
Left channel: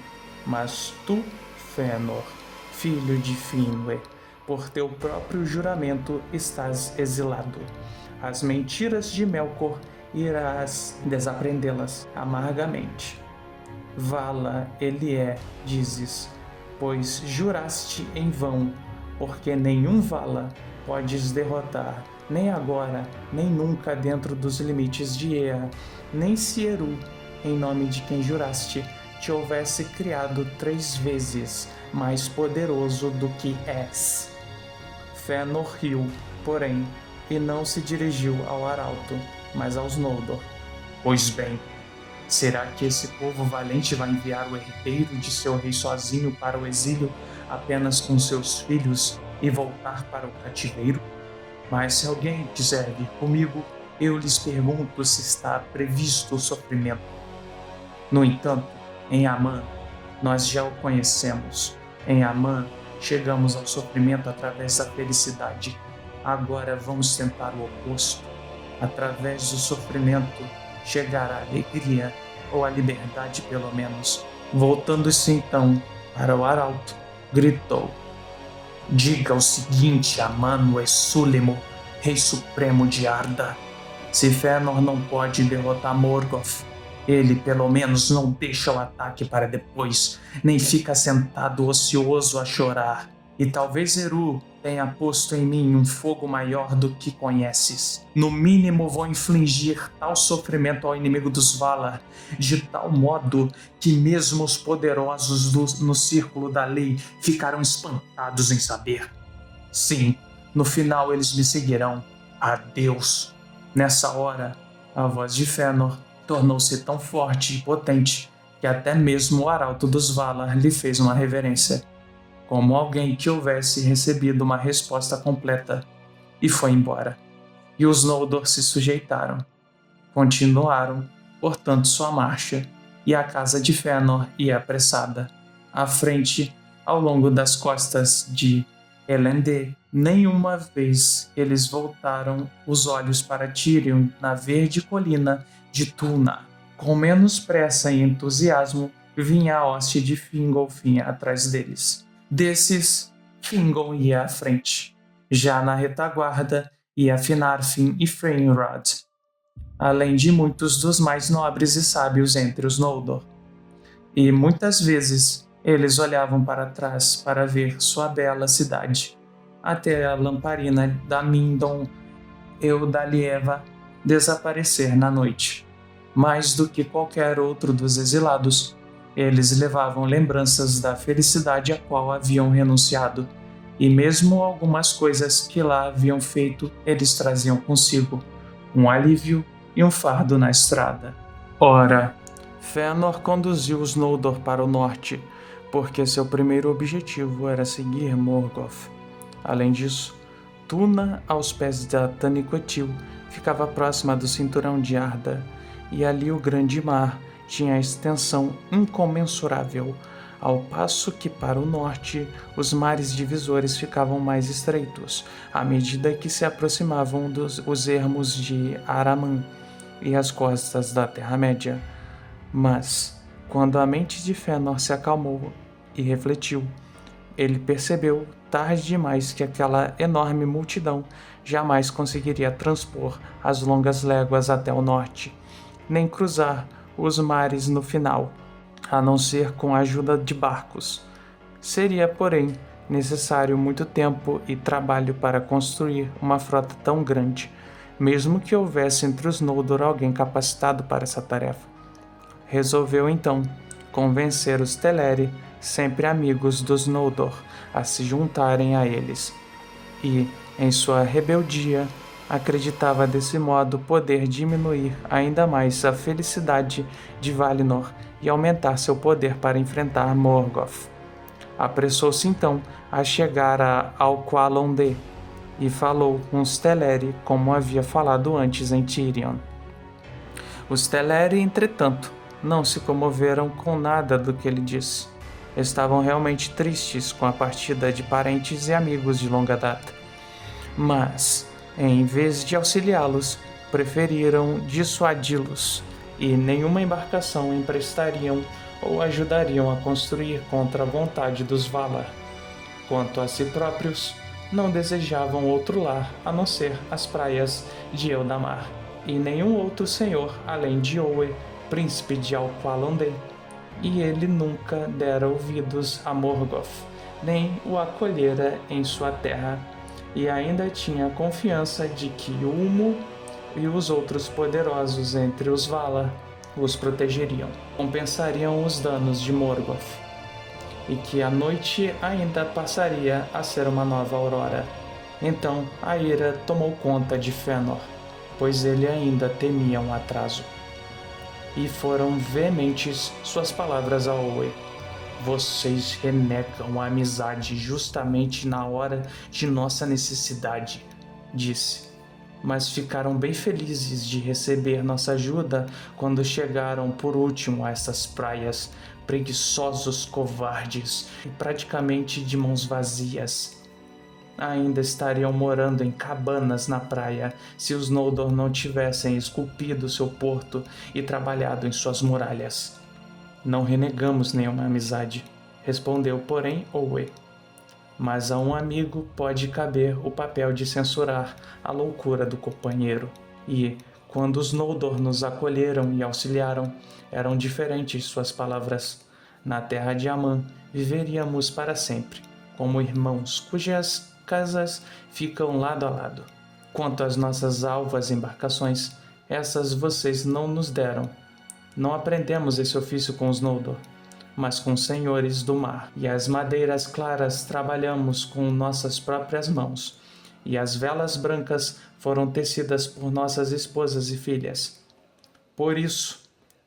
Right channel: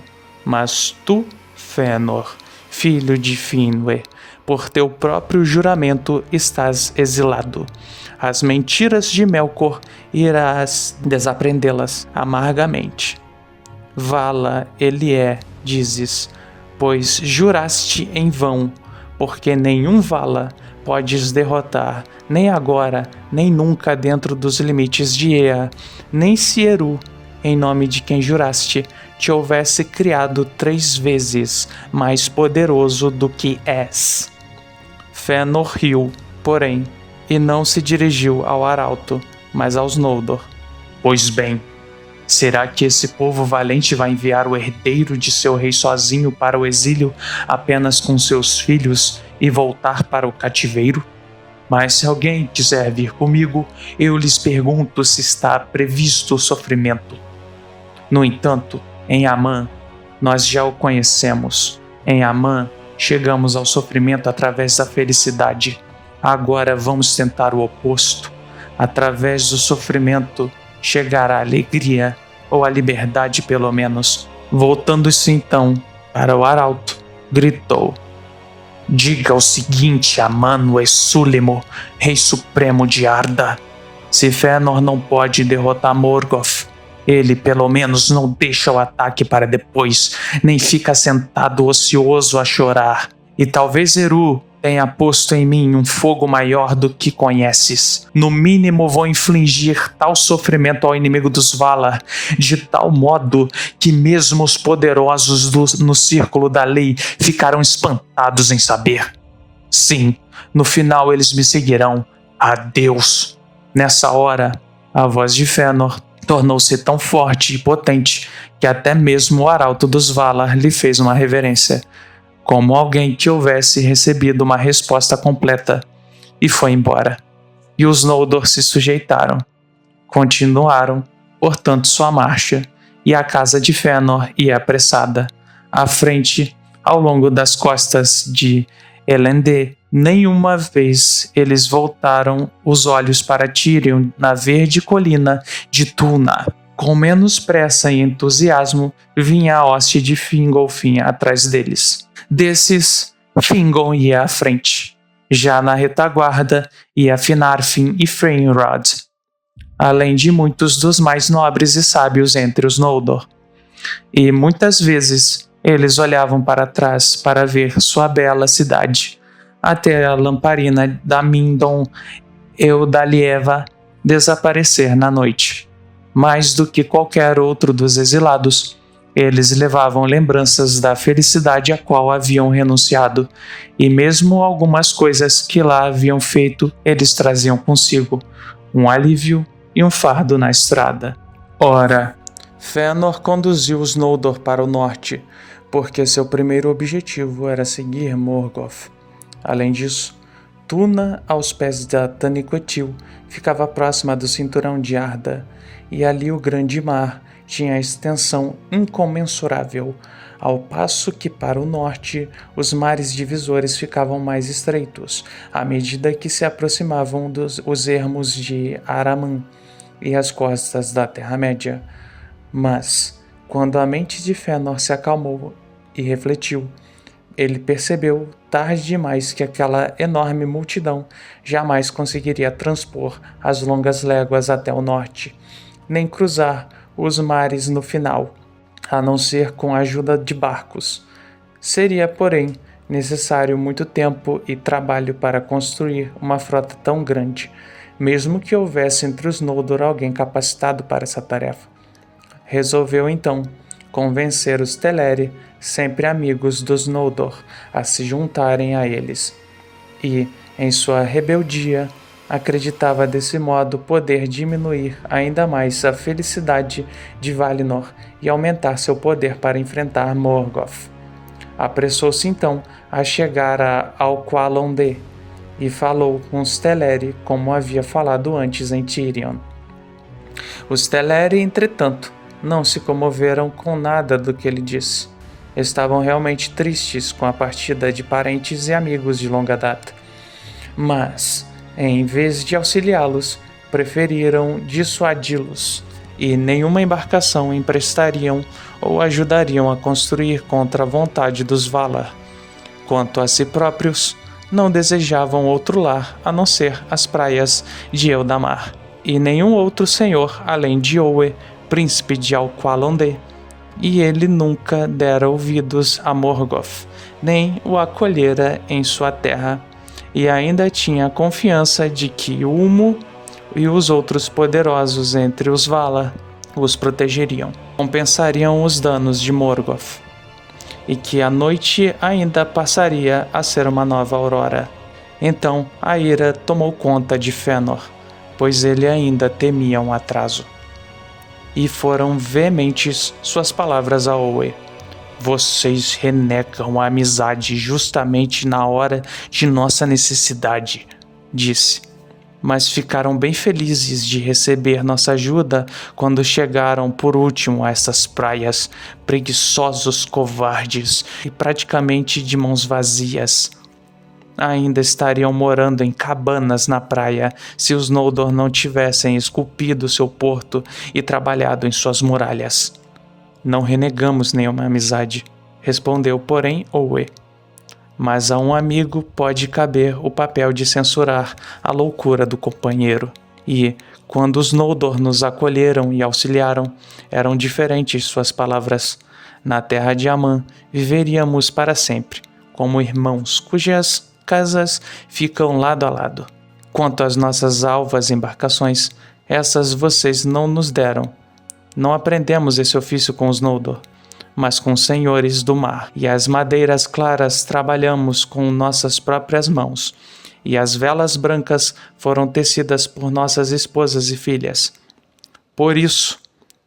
Mas tu, Fëanor, filho de Finwë, por teu próprio juramento estás exilado. As mentiras de Melkor irás desaprendê-las amargamente. Vala ele é, dizes, pois juraste em vão, porque nenhum Vala podes derrotar, nem agora, nem nunca dentro dos limites de Ea, nem se Eru, em nome de quem juraste, te houvesse criado 3 vezes mais poderoso do que és. Fëanor riu, porém, e não se dirigiu ao arauto, mas aos Noldor. Pois bem, será que esse povo valente vai enviar o herdeiro de seu rei sozinho para o exílio apenas com seus filhos e voltar para o cativeiro? Mas se alguém quiser vir comigo, eu lhes pergunto se está previsto o sofrimento. No entanto, em Amã, nós já o conhecemos. Em Amã, chegamos ao sofrimento através da felicidade. Agora vamos tentar o oposto. Através do sofrimento, chegar à alegria, ou à liberdade pelo menos. Voltando-se então para o arauto, gritou: diga o seguinte a Manwë Sulimo, rei supremo de Arda. Se Fëanor não pode derrotar Morgoth, ele pelo menos não deixa o ataque para depois, nem fica sentado ocioso a chorar. E talvez Eru tenha posto em mim um fogo maior do que conheces. No mínimo vou infligir tal sofrimento ao inimigo dos Valar, de tal modo que mesmo os poderosos no círculo da lei ficarão espantados em saber. Sim, no final eles me seguirão. Adeus. Nessa hora, a voz de Fëanor tornou-se tão forte e potente que até mesmo o arauto dos Valar lhe fez uma reverência, como alguém que houvesse recebido uma resposta completa, e foi embora. E os Noldor se sujeitaram. Continuaram, portanto, sua marcha, e a casa de Fëanor ia apressada, à frente, ao longo das costas de Elendil. Nenhuma vez eles voltaram os olhos para Tírion na verde colina de Túna. Com menos pressa e entusiasmo, vinha a hoste de Fingolfin atrás deles. Desses, Fingon ia à frente. Já na retaguarda ia Finarfin e Freyinrod, além de muitos dos mais nobres e sábios entre os Noldor. E muitas vezes eles olhavam para trás para ver sua bela cidade, até a lamparina da Mindon Eudalieva desaparecer na noite. Mais do que qualquer outro dos exilados, eles levavam lembranças da felicidade a qual haviam renunciado, e mesmo algumas coisas que lá haviam feito eles traziam consigo, um alívio e um fardo na estrada. Ora, Fëanor conduziu os Noldor para o norte, porque seu primeiro objetivo era seguir Morgoth. Além disso, Túna, aos pés da Taniquetil, ficava próxima do cinturão de Arda, e ali o grande mar tinha extensão incomensurável, ao passo que para o norte os mares divisores ficavam mais estreitos, à medida que se aproximavam os ermos de Araman e as costas da Terra-média. Mas, quando a mente de Fëanor se acalmou e refletiu, ele percebeu tarde demais que aquela enorme multidão jamais conseguiria transpor as longas léguas até o norte, nem cruzar os mares no final, a não ser com a ajuda de barcos. Seria, porém, necessário muito tempo e trabalho para construir uma frota tão grande, mesmo que houvesse entre os Noldor alguém capacitado para essa tarefa. Resolveu então convencer os Teleri, sempre amigos dos Noldor, a se juntarem a eles. E, em sua rebeldia, acreditava desse modo poder diminuir ainda mais a felicidade de Valinor e aumentar seu poder para enfrentar Morgoth. Apressou-se então a chegar a Alqualondë e falou com os Teleri como havia falado antes em Tirion. Os Teleri, entretanto, não se comoveram com nada do que ele disse. Estavam realmente tristes com a partida de parentes e amigos de longa data. Mas, em vez de auxiliá-los, preferiram dissuadi-los, e nenhuma embarcação emprestariam ou ajudariam a construir contra a vontade dos Valar. Quanto a si próprios, não desejavam outro lar a não ser as praias de Eldamar, e nenhum outro senhor além de Owe, príncipe de Alqualondë, e ele nunca dera ouvidos a Morgoth, nem o acolhera em sua terra, e ainda tinha confiança de que Ulmo e os outros poderosos entre os Valar os protegeriam, compensariam os danos de Morgoth, e que a noite ainda passaria a ser uma nova aurora. Então a ira tomou conta de Fëanor, pois ele ainda temia um atraso. E foram veementes suas palavras a Owe. Vocês renegam a amizade justamente na hora de nossa necessidade, disse. Mas ficaram bem felizes de receber nossa ajuda quando chegaram por último a essas praias, preguiçosos covardes e praticamente de mãos vazias. Ainda estariam morando em cabanas na praia se os Noldor não tivessem esculpido seu porto e trabalhado em suas muralhas. Não renegamos nenhuma amizade, respondeu, porém, Owe. Mas a um amigo pode caber o papel de censurar a loucura do companheiro. E, quando os Noldor nos acolheram e auxiliaram, eram diferentes suas palavras. Na terra de Aman viveríamos para sempre, como irmãos cujas casas ficam lado a lado. Quanto às nossas alvas embarcações, essas vocês não nos deram. Não aprendemos esse ofício com os Noldor, mas com os senhores do mar, e as madeiras claras trabalhamos com nossas próprias mãos, e as velas brancas foram tecidas por nossas esposas e filhas. Por isso,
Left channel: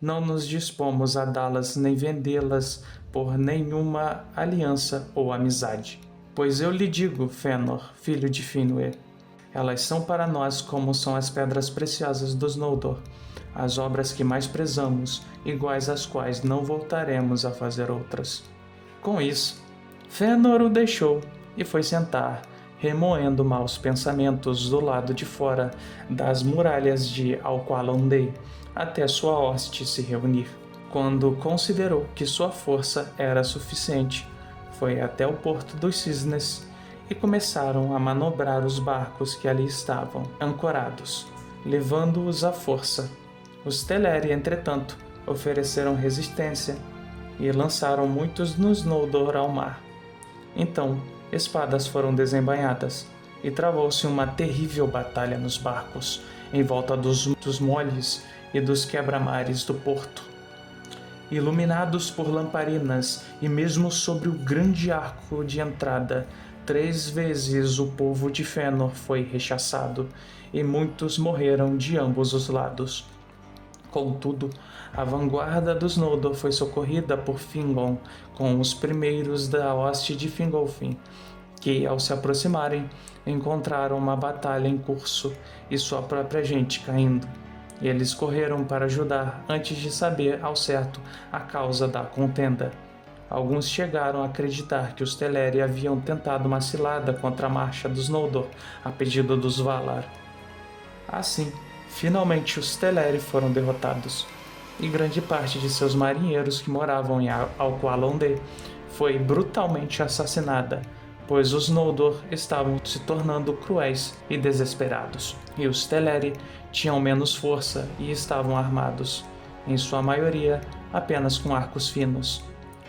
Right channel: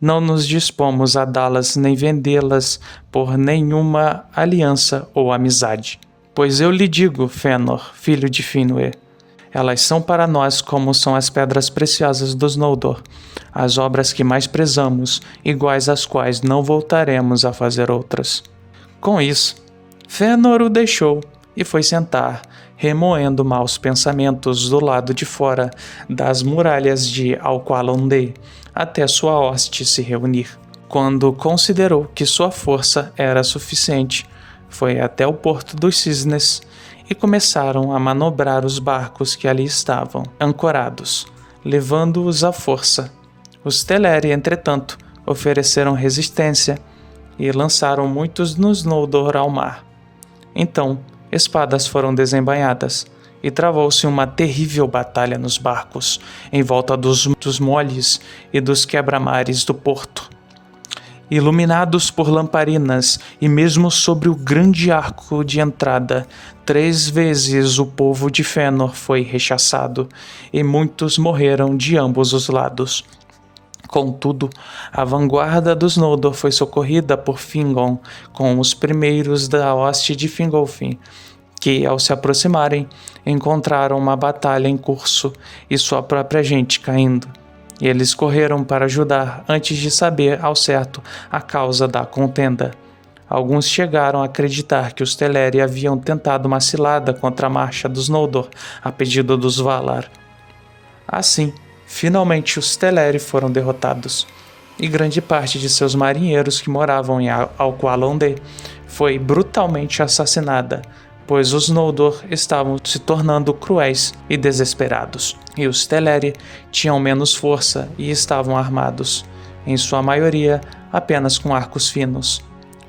não nos dispomos a dá-las nem vendê-las por nenhuma aliança ou amizade. Pois eu lhe digo, Fëanor, filho de Finwë, elas são para nós como são as pedras preciosas dos Noldor, as obras que mais prezamos, iguais às quais não voltaremos a fazer outras. Com isso, Fëanor o deixou e foi sentar, remoendo maus pensamentos do lado de fora das muralhas de Alqualondë, até sua hoste se reunir. Quando considerou que sua força era suficiente, foi até o Porto dos Cisnes e começaram a manobrar os barcos que ali estavam ancorados, levando-os à força. Os Teleri, entretanto, ofereceram resistência e lançaram muitos nos Noldor ao mar. Então, espadas foram desembainhadas e travou-se uma terrível batalha nos barcos, em volta dos moles e dos quebra-mares do porto. Iluminados por lamparinas e mesmo sobre o grande arco de entrada, 3 vezes o povo de Fëanor foi rechaçado e muitos morreram de ambos os lados. Contudo, a vanguarda dos Noldor foi socorrida por Fingon com os primeiros da hoste de Fingolfin, que, ao se aproximarem, encontraram uma batalha em curso e sua própria gente caindo. E eles correram para ajudar antes de saber ao certo a causa da contenda. Alguns chegaram a acreditar que os Teleri haviam tentado uma cilada contra a marcha dos Noldor a pedido dos Valar. Assim, finalmente os Teleri foram derrotados, e grande parte de seus marinheiros que moravam em Alqualondë foi brutalmente assassinada, pois os Noldor estavam se tornando cruéis e desesperados, e os Teleri tinham menos força e estavam armados, em sua maioria apenas com arcos finos.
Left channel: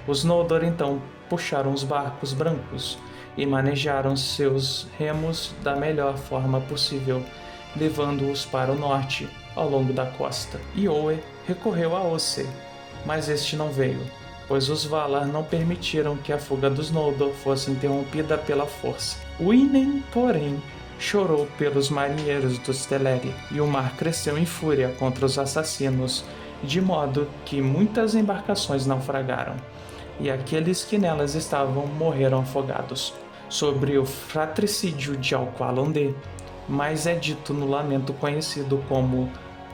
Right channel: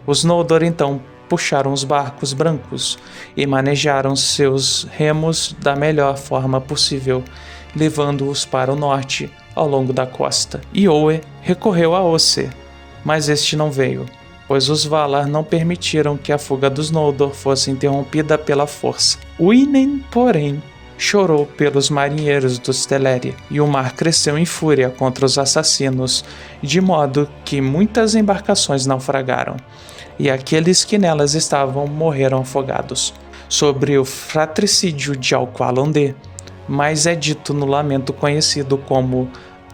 Os Noldor então puxaram os barcos brancos e manejaram seus remos da melhor forma possível, levando-os para o norte, ao longo da costa. Iorwë recorreu a Ossë, mas este não veio, pois os Valar não permitiram que a fuga dos Noldor fosse interrompida pela força. Uinen, porém, chorou pelos marinheiros dos Teleri, e o mar cresceu em fúria contra os assassinos, de modo que muitas embarcações naufragaram, e aqueles que nelas estavam morreram afogados. Sobre o fratricídio de Alqualondë, mas é dito no lamento conhecido como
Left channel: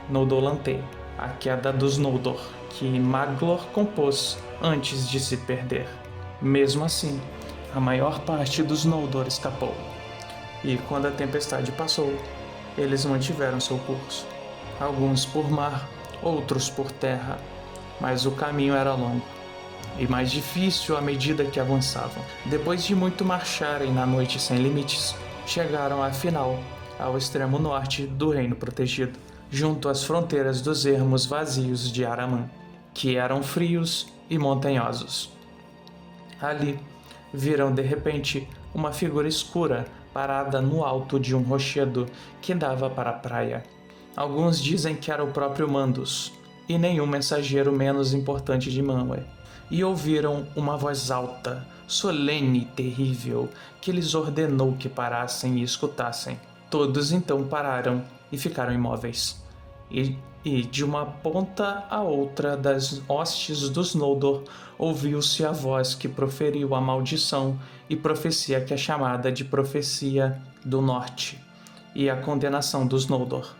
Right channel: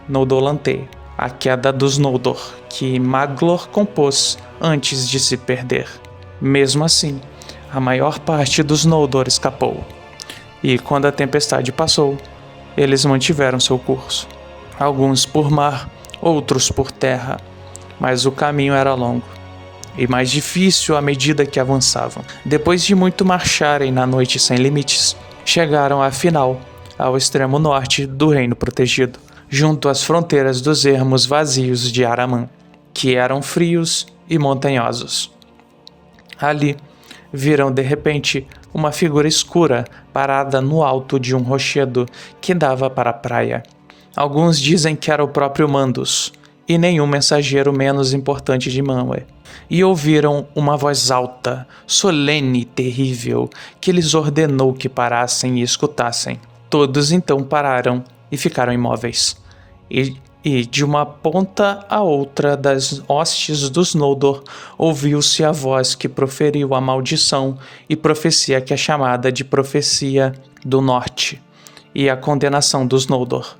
Noldolantë, a queda dos Noldor, que Maglor compôs antes de se perder. Mesmo assim, a maior parte dos Noldor escapou, e quando a tempestade passou, eles mantiveram seu curso, alguns por mar, outros por terra, mas o caminho era longo e mais difícil à medida que avançavam. Depois de muito marcharem na noite sem limites, chegaram afinal ao extremo norte do Reino Protegido, junto às fronteiras dos ermos vazios de Aramân, que eram frios e montanhosos. Ali, viram de repente uma figura escura parada no alto de um rochedo que dava para a praia. Alguns dizem que era o próprio Mandus, e nenhum mensageiro menos importante de Manwë, e ouviram uma voz alta, solene e terrível, que lhes ordenou que parassem e escutassem. Todos então pararam e ficaram imóveis. E de uma ponta a outra das hostes dos Noldor ouviu-se a voz que proferiu a maldição e profecia que é chamada de Profecia do Norte, e a condenação dos Noldor.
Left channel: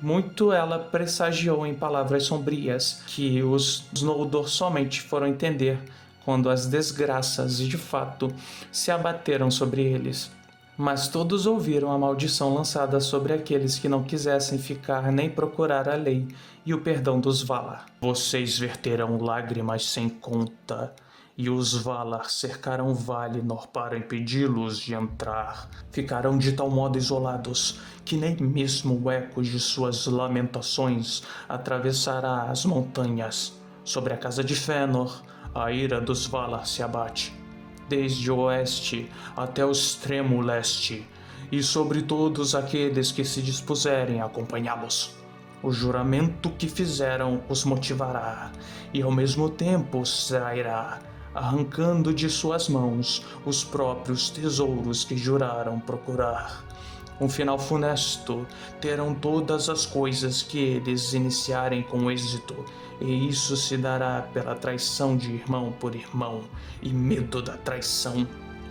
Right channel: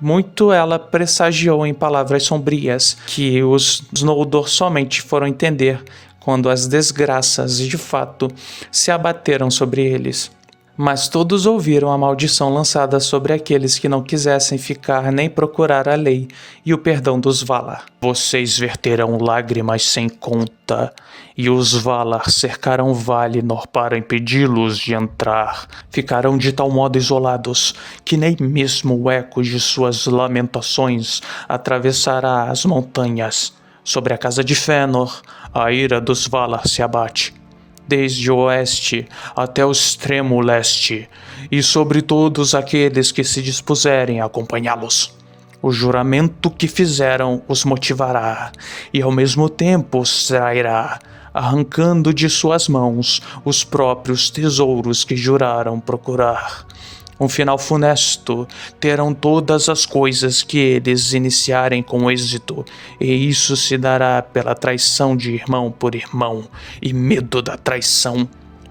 Muito ela pressagiou em palavras sombrias que os Noldor somente foram entender quando as desgraças de fato se abateram sobre eles. Mas todos ouviram a maldição lançada sobre aqueles que não quisessem ficar nem procurar a lei e o perdão dos Valar. Vocês verterão lágrimas sem conta, e os Valar cercarão Valinor para impedi-los de entrar. Ficarão de tal modo isolados que nem mesmo o eco de suas lamentações atravessará as montanhas. Sobre a casa de Fëanor, a ira dos Valar se abate, desde o oeste até o extremo leste, e sobre todos aqueles que se dispuserem a acompanhá-los. O juramento que fizeram os motivará, e ao mesmo tempo os trairá, arrancando de suas mãos os próprios tesouros que juraram procurar. Um final funesto terão todas as coisas que eles iniciarem com êxito, e isso se dará pela traição de irmão por irmão, e medo da traição.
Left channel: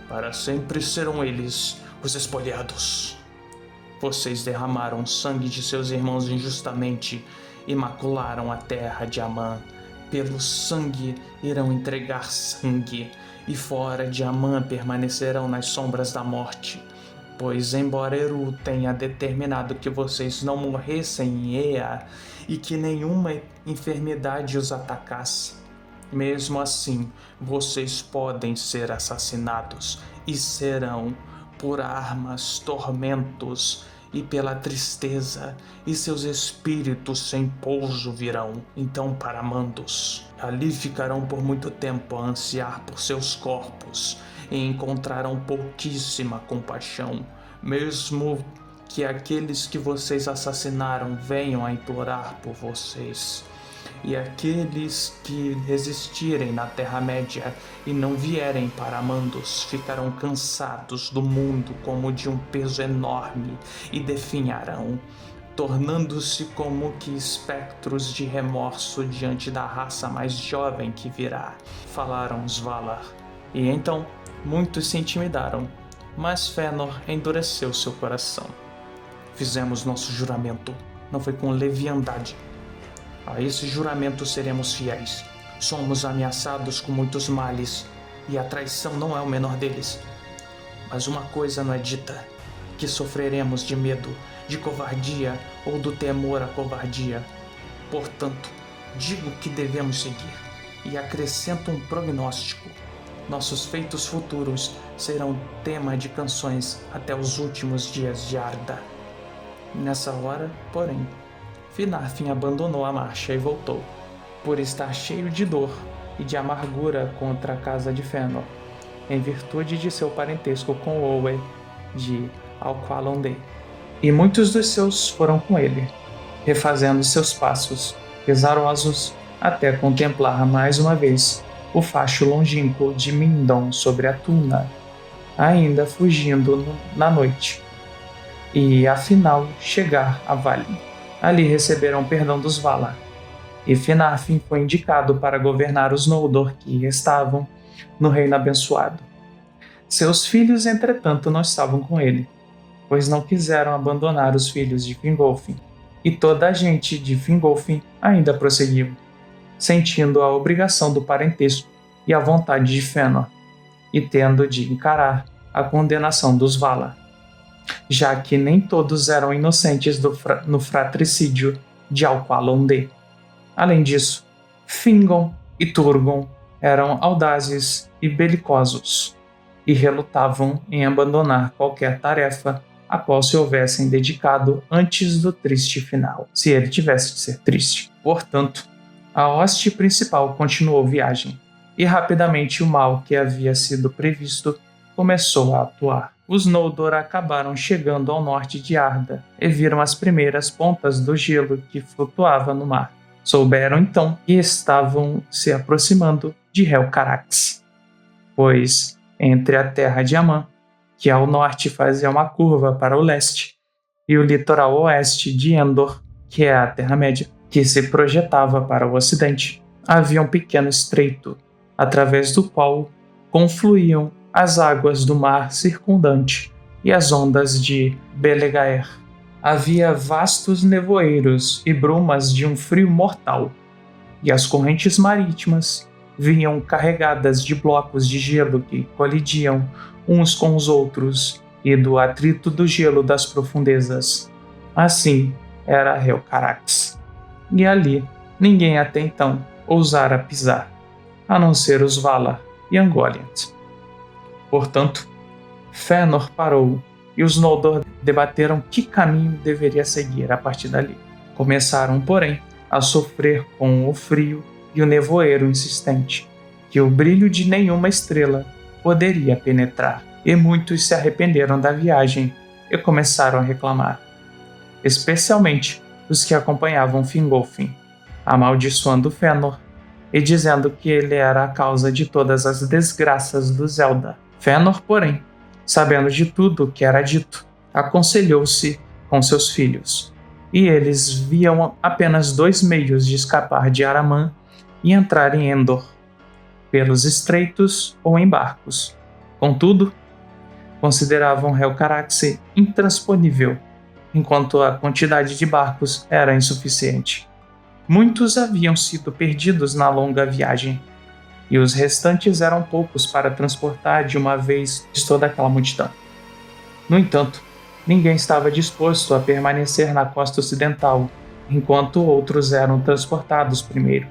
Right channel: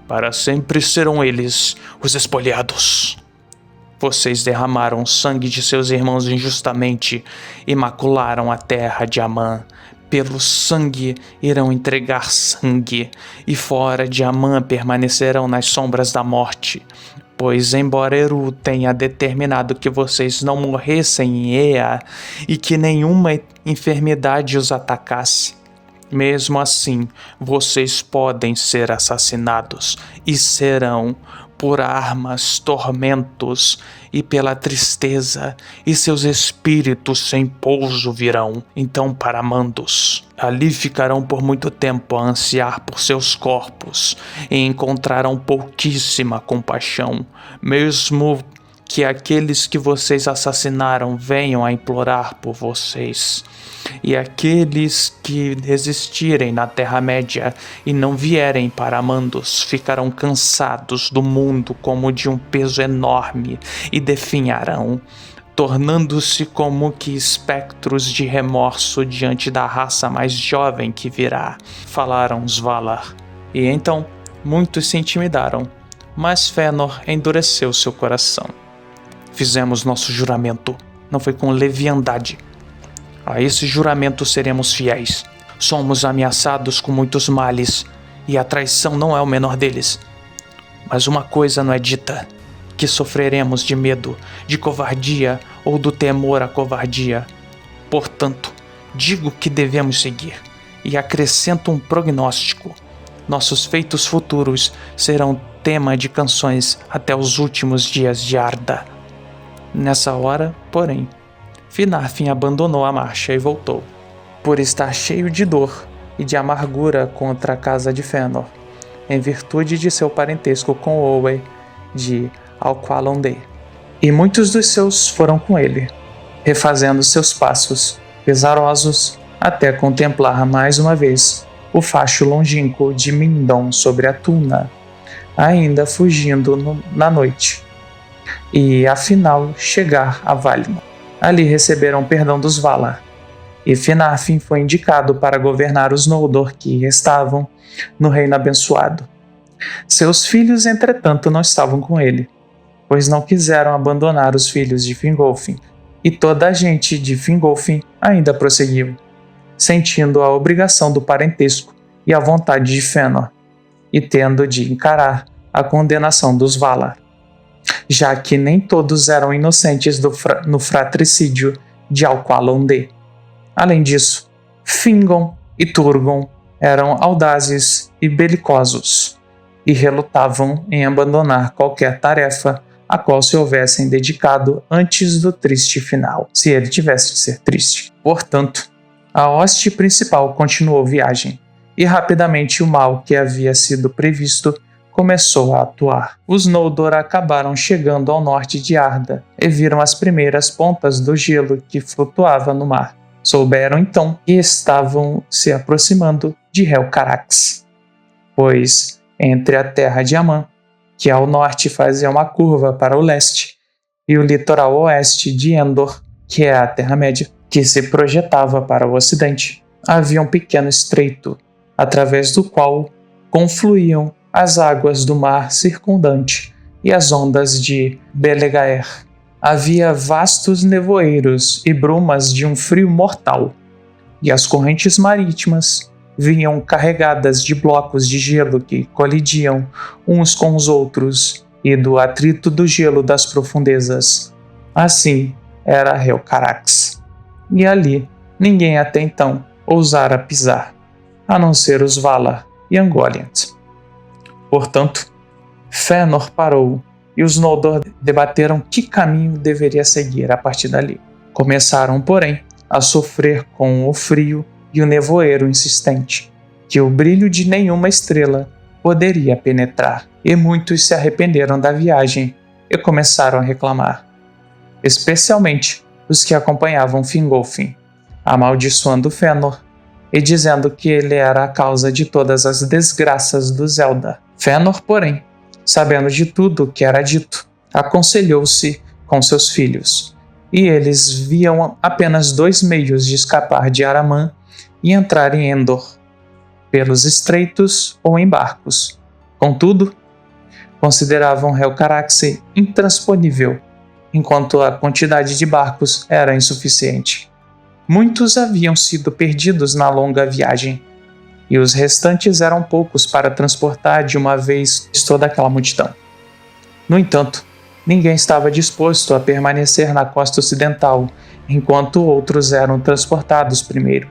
Para sempre serão eles os espoliados. Vocês derramaram sangue de seus irmãos injustamente e macularam a terra de Amã, pelo sangue irão entregar sangue, e fora de Amã permanecerão nas sombras da morte. Pois, embora Eru tenha determinado que vocês não morressem em Ea e que nenhuma enfermidade os atacasse, mesmo assim vocês podem ser assassinados e serão por armas, tormentos e pela tristeza, e seus espíritos sem pouso virão, então para Mandos. Ali ficarão por muito tempo a ansiar por seus corpos, e encontrarão pouquíssima compaixão, mesmo que aqueles que vocês assassinaram venham a implorar por vocês. E aqueles que resistirem na Terra-média e não vierem para Mandos ficarão cansados do mundo como de um peso enorme e definharão, tornando-se como que espectros de remorso diante da raça mais jovem que virá, falaram os Valar. E então muitos se intimidaram, mas Fëanor endureceu seu coração. Fizemos nosso juramento, não foi com leviandade. A esse juramento seremos fiéis. Somos ameaçados com muitos males, e a traição não é o menor deles. Mas uma coisa não é dita, que sofreremos de medo, de covardia ou do temor à covardia. Portanto, digo que devemos seguir, e acrescento um prognóstico. Nossos feitos futuros serão tema de canções até os últimos dias de Arda. Nessa hora, porém, Finarfin abandonou a marcha e voltou, por estar cheio de dor e de amargura contra a casa de Fëanor, em virtude de seu parentesco com Olwë de Alqualondë. E muitos dos seus foram com ele, refazendo seus passos, pesarosos, até contemplar mais uma vez o facho longínquo de Mindon sobre a Tuna, ainda fugindo na noite, e afinal chegar a Valinor. Ali receberam perdão dos Valar, e Finarfin foi indicado para governar os Noldor que estavam no Reino Abençoado. Seus filhos, entretanto, não estavam com ele, pois não quiseram abandonar os filhos de Fingolfin, e toda a gente de Fingolfin ainda prosseguiu, sentindo a obrigação do parentesco e a vontade de Fëanor, e tendo de encarar a condenação dos Valar, já que nem todos eram inocentes no fratricídio de Alqualondë. Além disso, Fingon e Turgon eram audazes e belicosos, e relutavam em abandonar qualquer tarefa a qual se houvessem dedicado antes do triste final, se ele tivesse de ser triste. Portanto, a hoste principal continuou viagem, e rapidamente o mal que havia sido previsto começou a atuar. Os Noldor acabaram chegando ao norte de Arda e viram as primeiras pontas do gelo que flutuava no mar. Souberam então que estavam se aproximando de Helcarax, pois entre a terra de Amã, que ao norte fazia uma curva para o leste, e o litoral oeste de Endor, que é a Terra-média, que se projetava para o ocidente, havia um pequeno estreito, através do qual confluíam as águas do mar circundante e as ondas de Belegaer. Havia vastos nevoeiros e brumas de um frio mortal, e as correntes marítimas vinham carregadas de blocos de gelo que colidiam uns com os outros e do atrito do gelo das profundezas. Assim era Helcarax, e ali ninguém até então ousara pisar, a não ser os Valar e Ungoliant. Portanto, Fëanor parou e os Noldor debateram que caminho deveria seguir a partir dali. Começaram, porém, a sofrer com o frio e o nevoeiro insistente, que o brilho de nenhuma estrela poderia penetrar, e muitos se arrependeram da viagem e começaram a reclamar, especialmente os que acompanhavam Fingolfin, amaldiçoando Fëanor e dizendo que ele era a causa de todas as desgraças dos Eldar. Fëanor, porém, sabendo de tudo o que era dito, aconselhou-se com seus filhos, e eles viam apenas 2 meios de escapar de Aramã e entrar em Endor, pelos estreitos ou em barcos. Contudo, consideravam Helcarax intransponível, enquanto a quantidade de barcos era insuficiente. Muitos haviam sido perdidos na longa viagem, e os restantes eram poucos para transportar de uma vez toda aquela multidão. No entanto, ninguém estava disposto a permanecer na costa ocidental, enquanto outros eram transportados primeiro.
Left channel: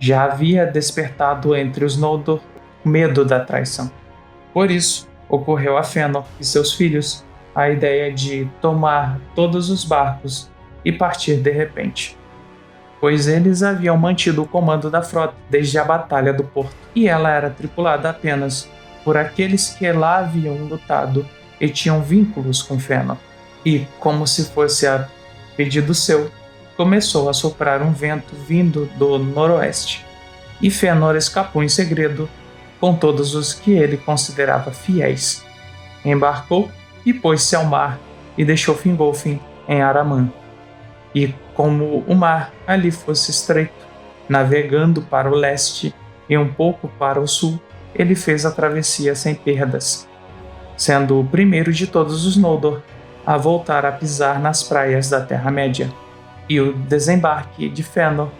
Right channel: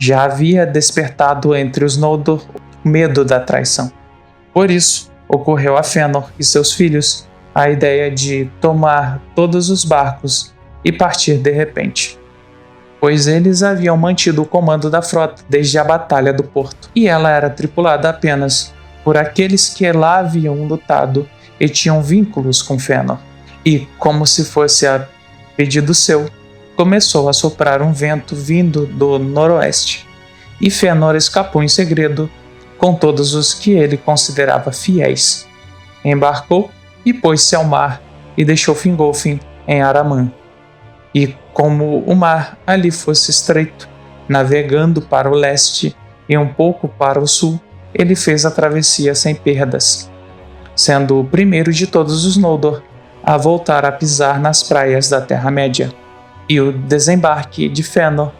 Já havia despertado entre os Noldor o medo da traição. Por isso, ocorreu a Fëanor e seus filhos a ideia de tomar todos os barcos e partir de repente, pois eles haviam mantido o comando da frota desde a Batalha do Porto, e ela era tripulada apenas por aqueles que lá haviam lutado e tinham vínculos com Fëanor. E, como se fosse a pedido seu, começou a soprar um vento vindo do noroeste, e Fëanor escapou em segredo com todos os que ele considerava fiéis. Embarcou e pôs-se ao mar e deixou Fingolfin em Aramã. E como o mar ali fosse estreito, navegando para o leste e um pouco para o sul, ele fez a travessia sem perdas, sendo o primeiro de todos os Noldor a voltar a pisar nas praias da Terra-média. E o desembarque de Fëanor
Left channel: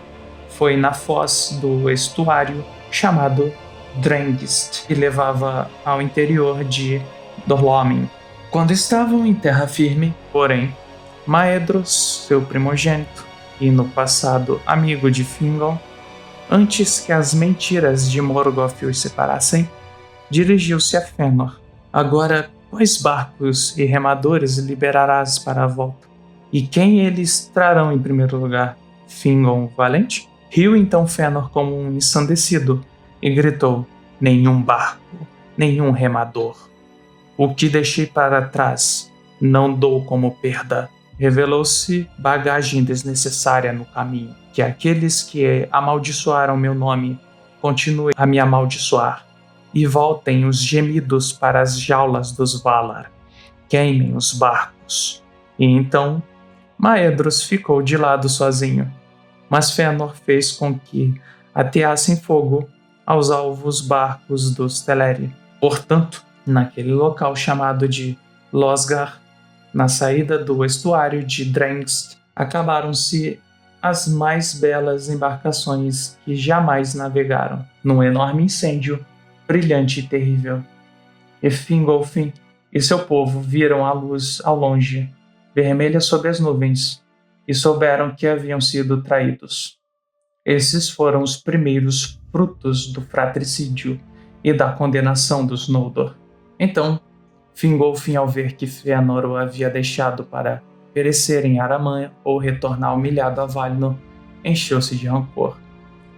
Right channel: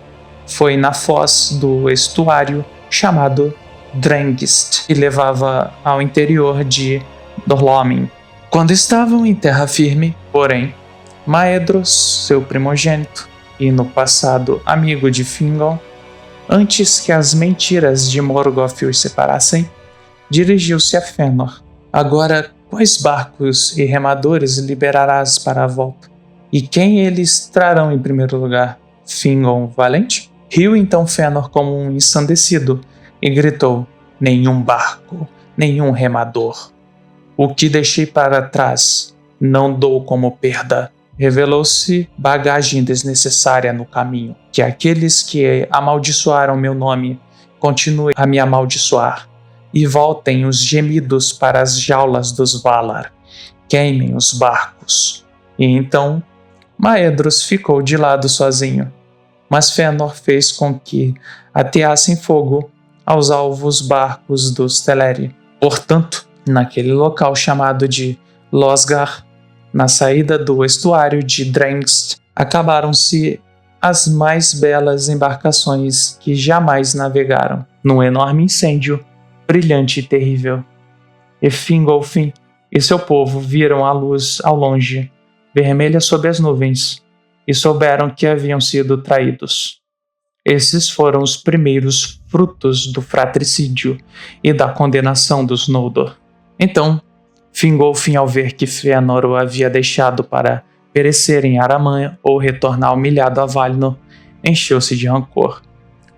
foi na foz do estuário chamado Drengist, que levava ao interior de Dor-lómin. Quando estavam em terra firme, porém, Maedhros, seu primogênito, e no passado amigo de Fingon, antes que as mentiras de Morgoth os separassem, dirigiu-se a Fëanor. Agora, quais barcos e remadores liberarás para a volta? E quem eles trarão em primeiro lugar? Fingon valente? Riu então Fëanor como um ensandecido e gritou: nenhum barco, nenhum remador. O que deixei para trás não dou como perda. Revelou-se bagagem desnecessária no caminho. Que aqueles que amaldiçoaram meu nome continuem a me amaldiçoar, e voltem os gemidos para as jaulas dos Valar. Queimem os barcos. E então Maedhros ficou de lado sozinho, mas Fëanor fez com que ateassem fogo aos alvos barcos dos Teleri. Portanto, naquele local chamado de Losgar, na saída do estuário de Drengst, acabaram-se as mais belas embarcações que jamais navegaram, num enorme incêndio, brilhante e terrível. E Fingolfin e seu povo viram a luz ao longe, vermelha sob as nuvens, e souberam que haviam sido traídos. Esses foram os primeiros frutos do fratricídio e da condenação dos Noldor. Então, Fingolfin, ao ver que Fëanor o havia deixado para perecer em Aramã ou retornar humilhado a Valinor, encheu-se de rancor.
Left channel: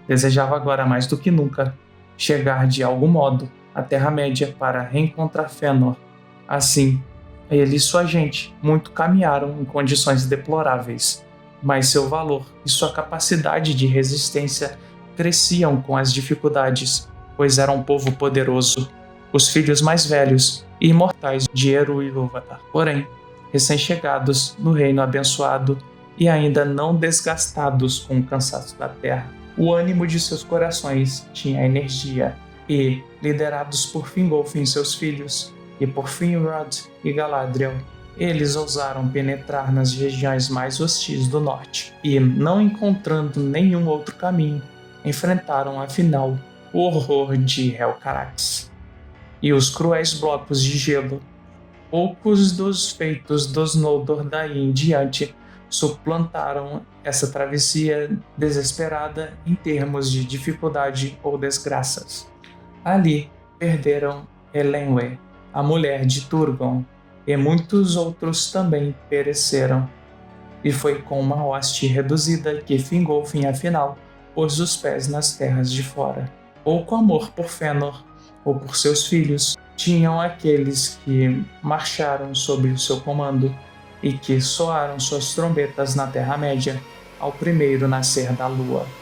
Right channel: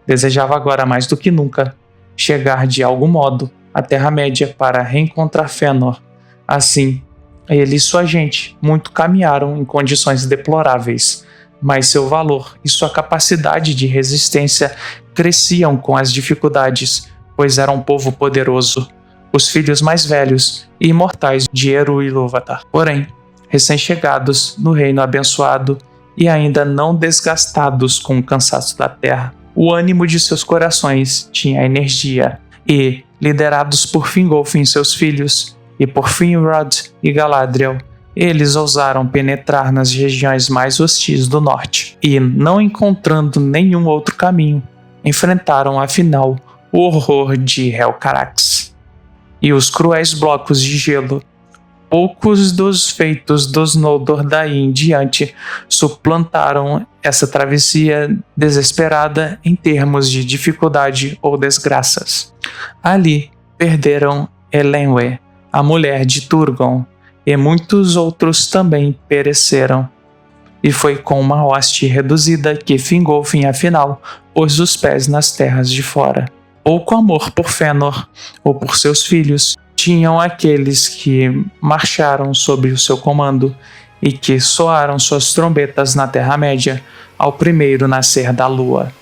Desejava agora mais do que nunca chegar de algum modo à Terra-média para reencontrar Fëanor. Assim, ele e sua gente muito caminharam em condições deploráveis, mas seu valor e sua capacidade de resistência cresciam com as dificuldades, pois era um povo poderoso, os filhos mais velhos e imortais de Eru e Ilúvatar. Porém, recém-chegados no reino abençoado e ainda não desgastados com o cansaço da terra, o ânimo de seus corações tinha energia e, liderados por Fingolfin e seus filhos, e por Finrod e Galadriel, eles ousaram penetrar nas regiões mais hostis do norte e, não encontrando nenhum outro caminho, enfrentaram afinal o horror de Helcarax e os cruéis blocos de gelo. Poucos dos feitos dos Noldor daí em diante suplantaram essa travessia desesperada em termos de dificuldade ou desgraças. Ali perderam Elenwe, a mulher de Turgon, e muitos outros também pereceram. E foi com uma hoste reduzida que Fingolfin afinal pôs os pés nas terras de fora. Pouco amor por Fëanor ou por seus filhos tinham aqueles que marcharam sob o seu comando e que soaram suas trombetas na Terra-média ao primeiro nascer da lua.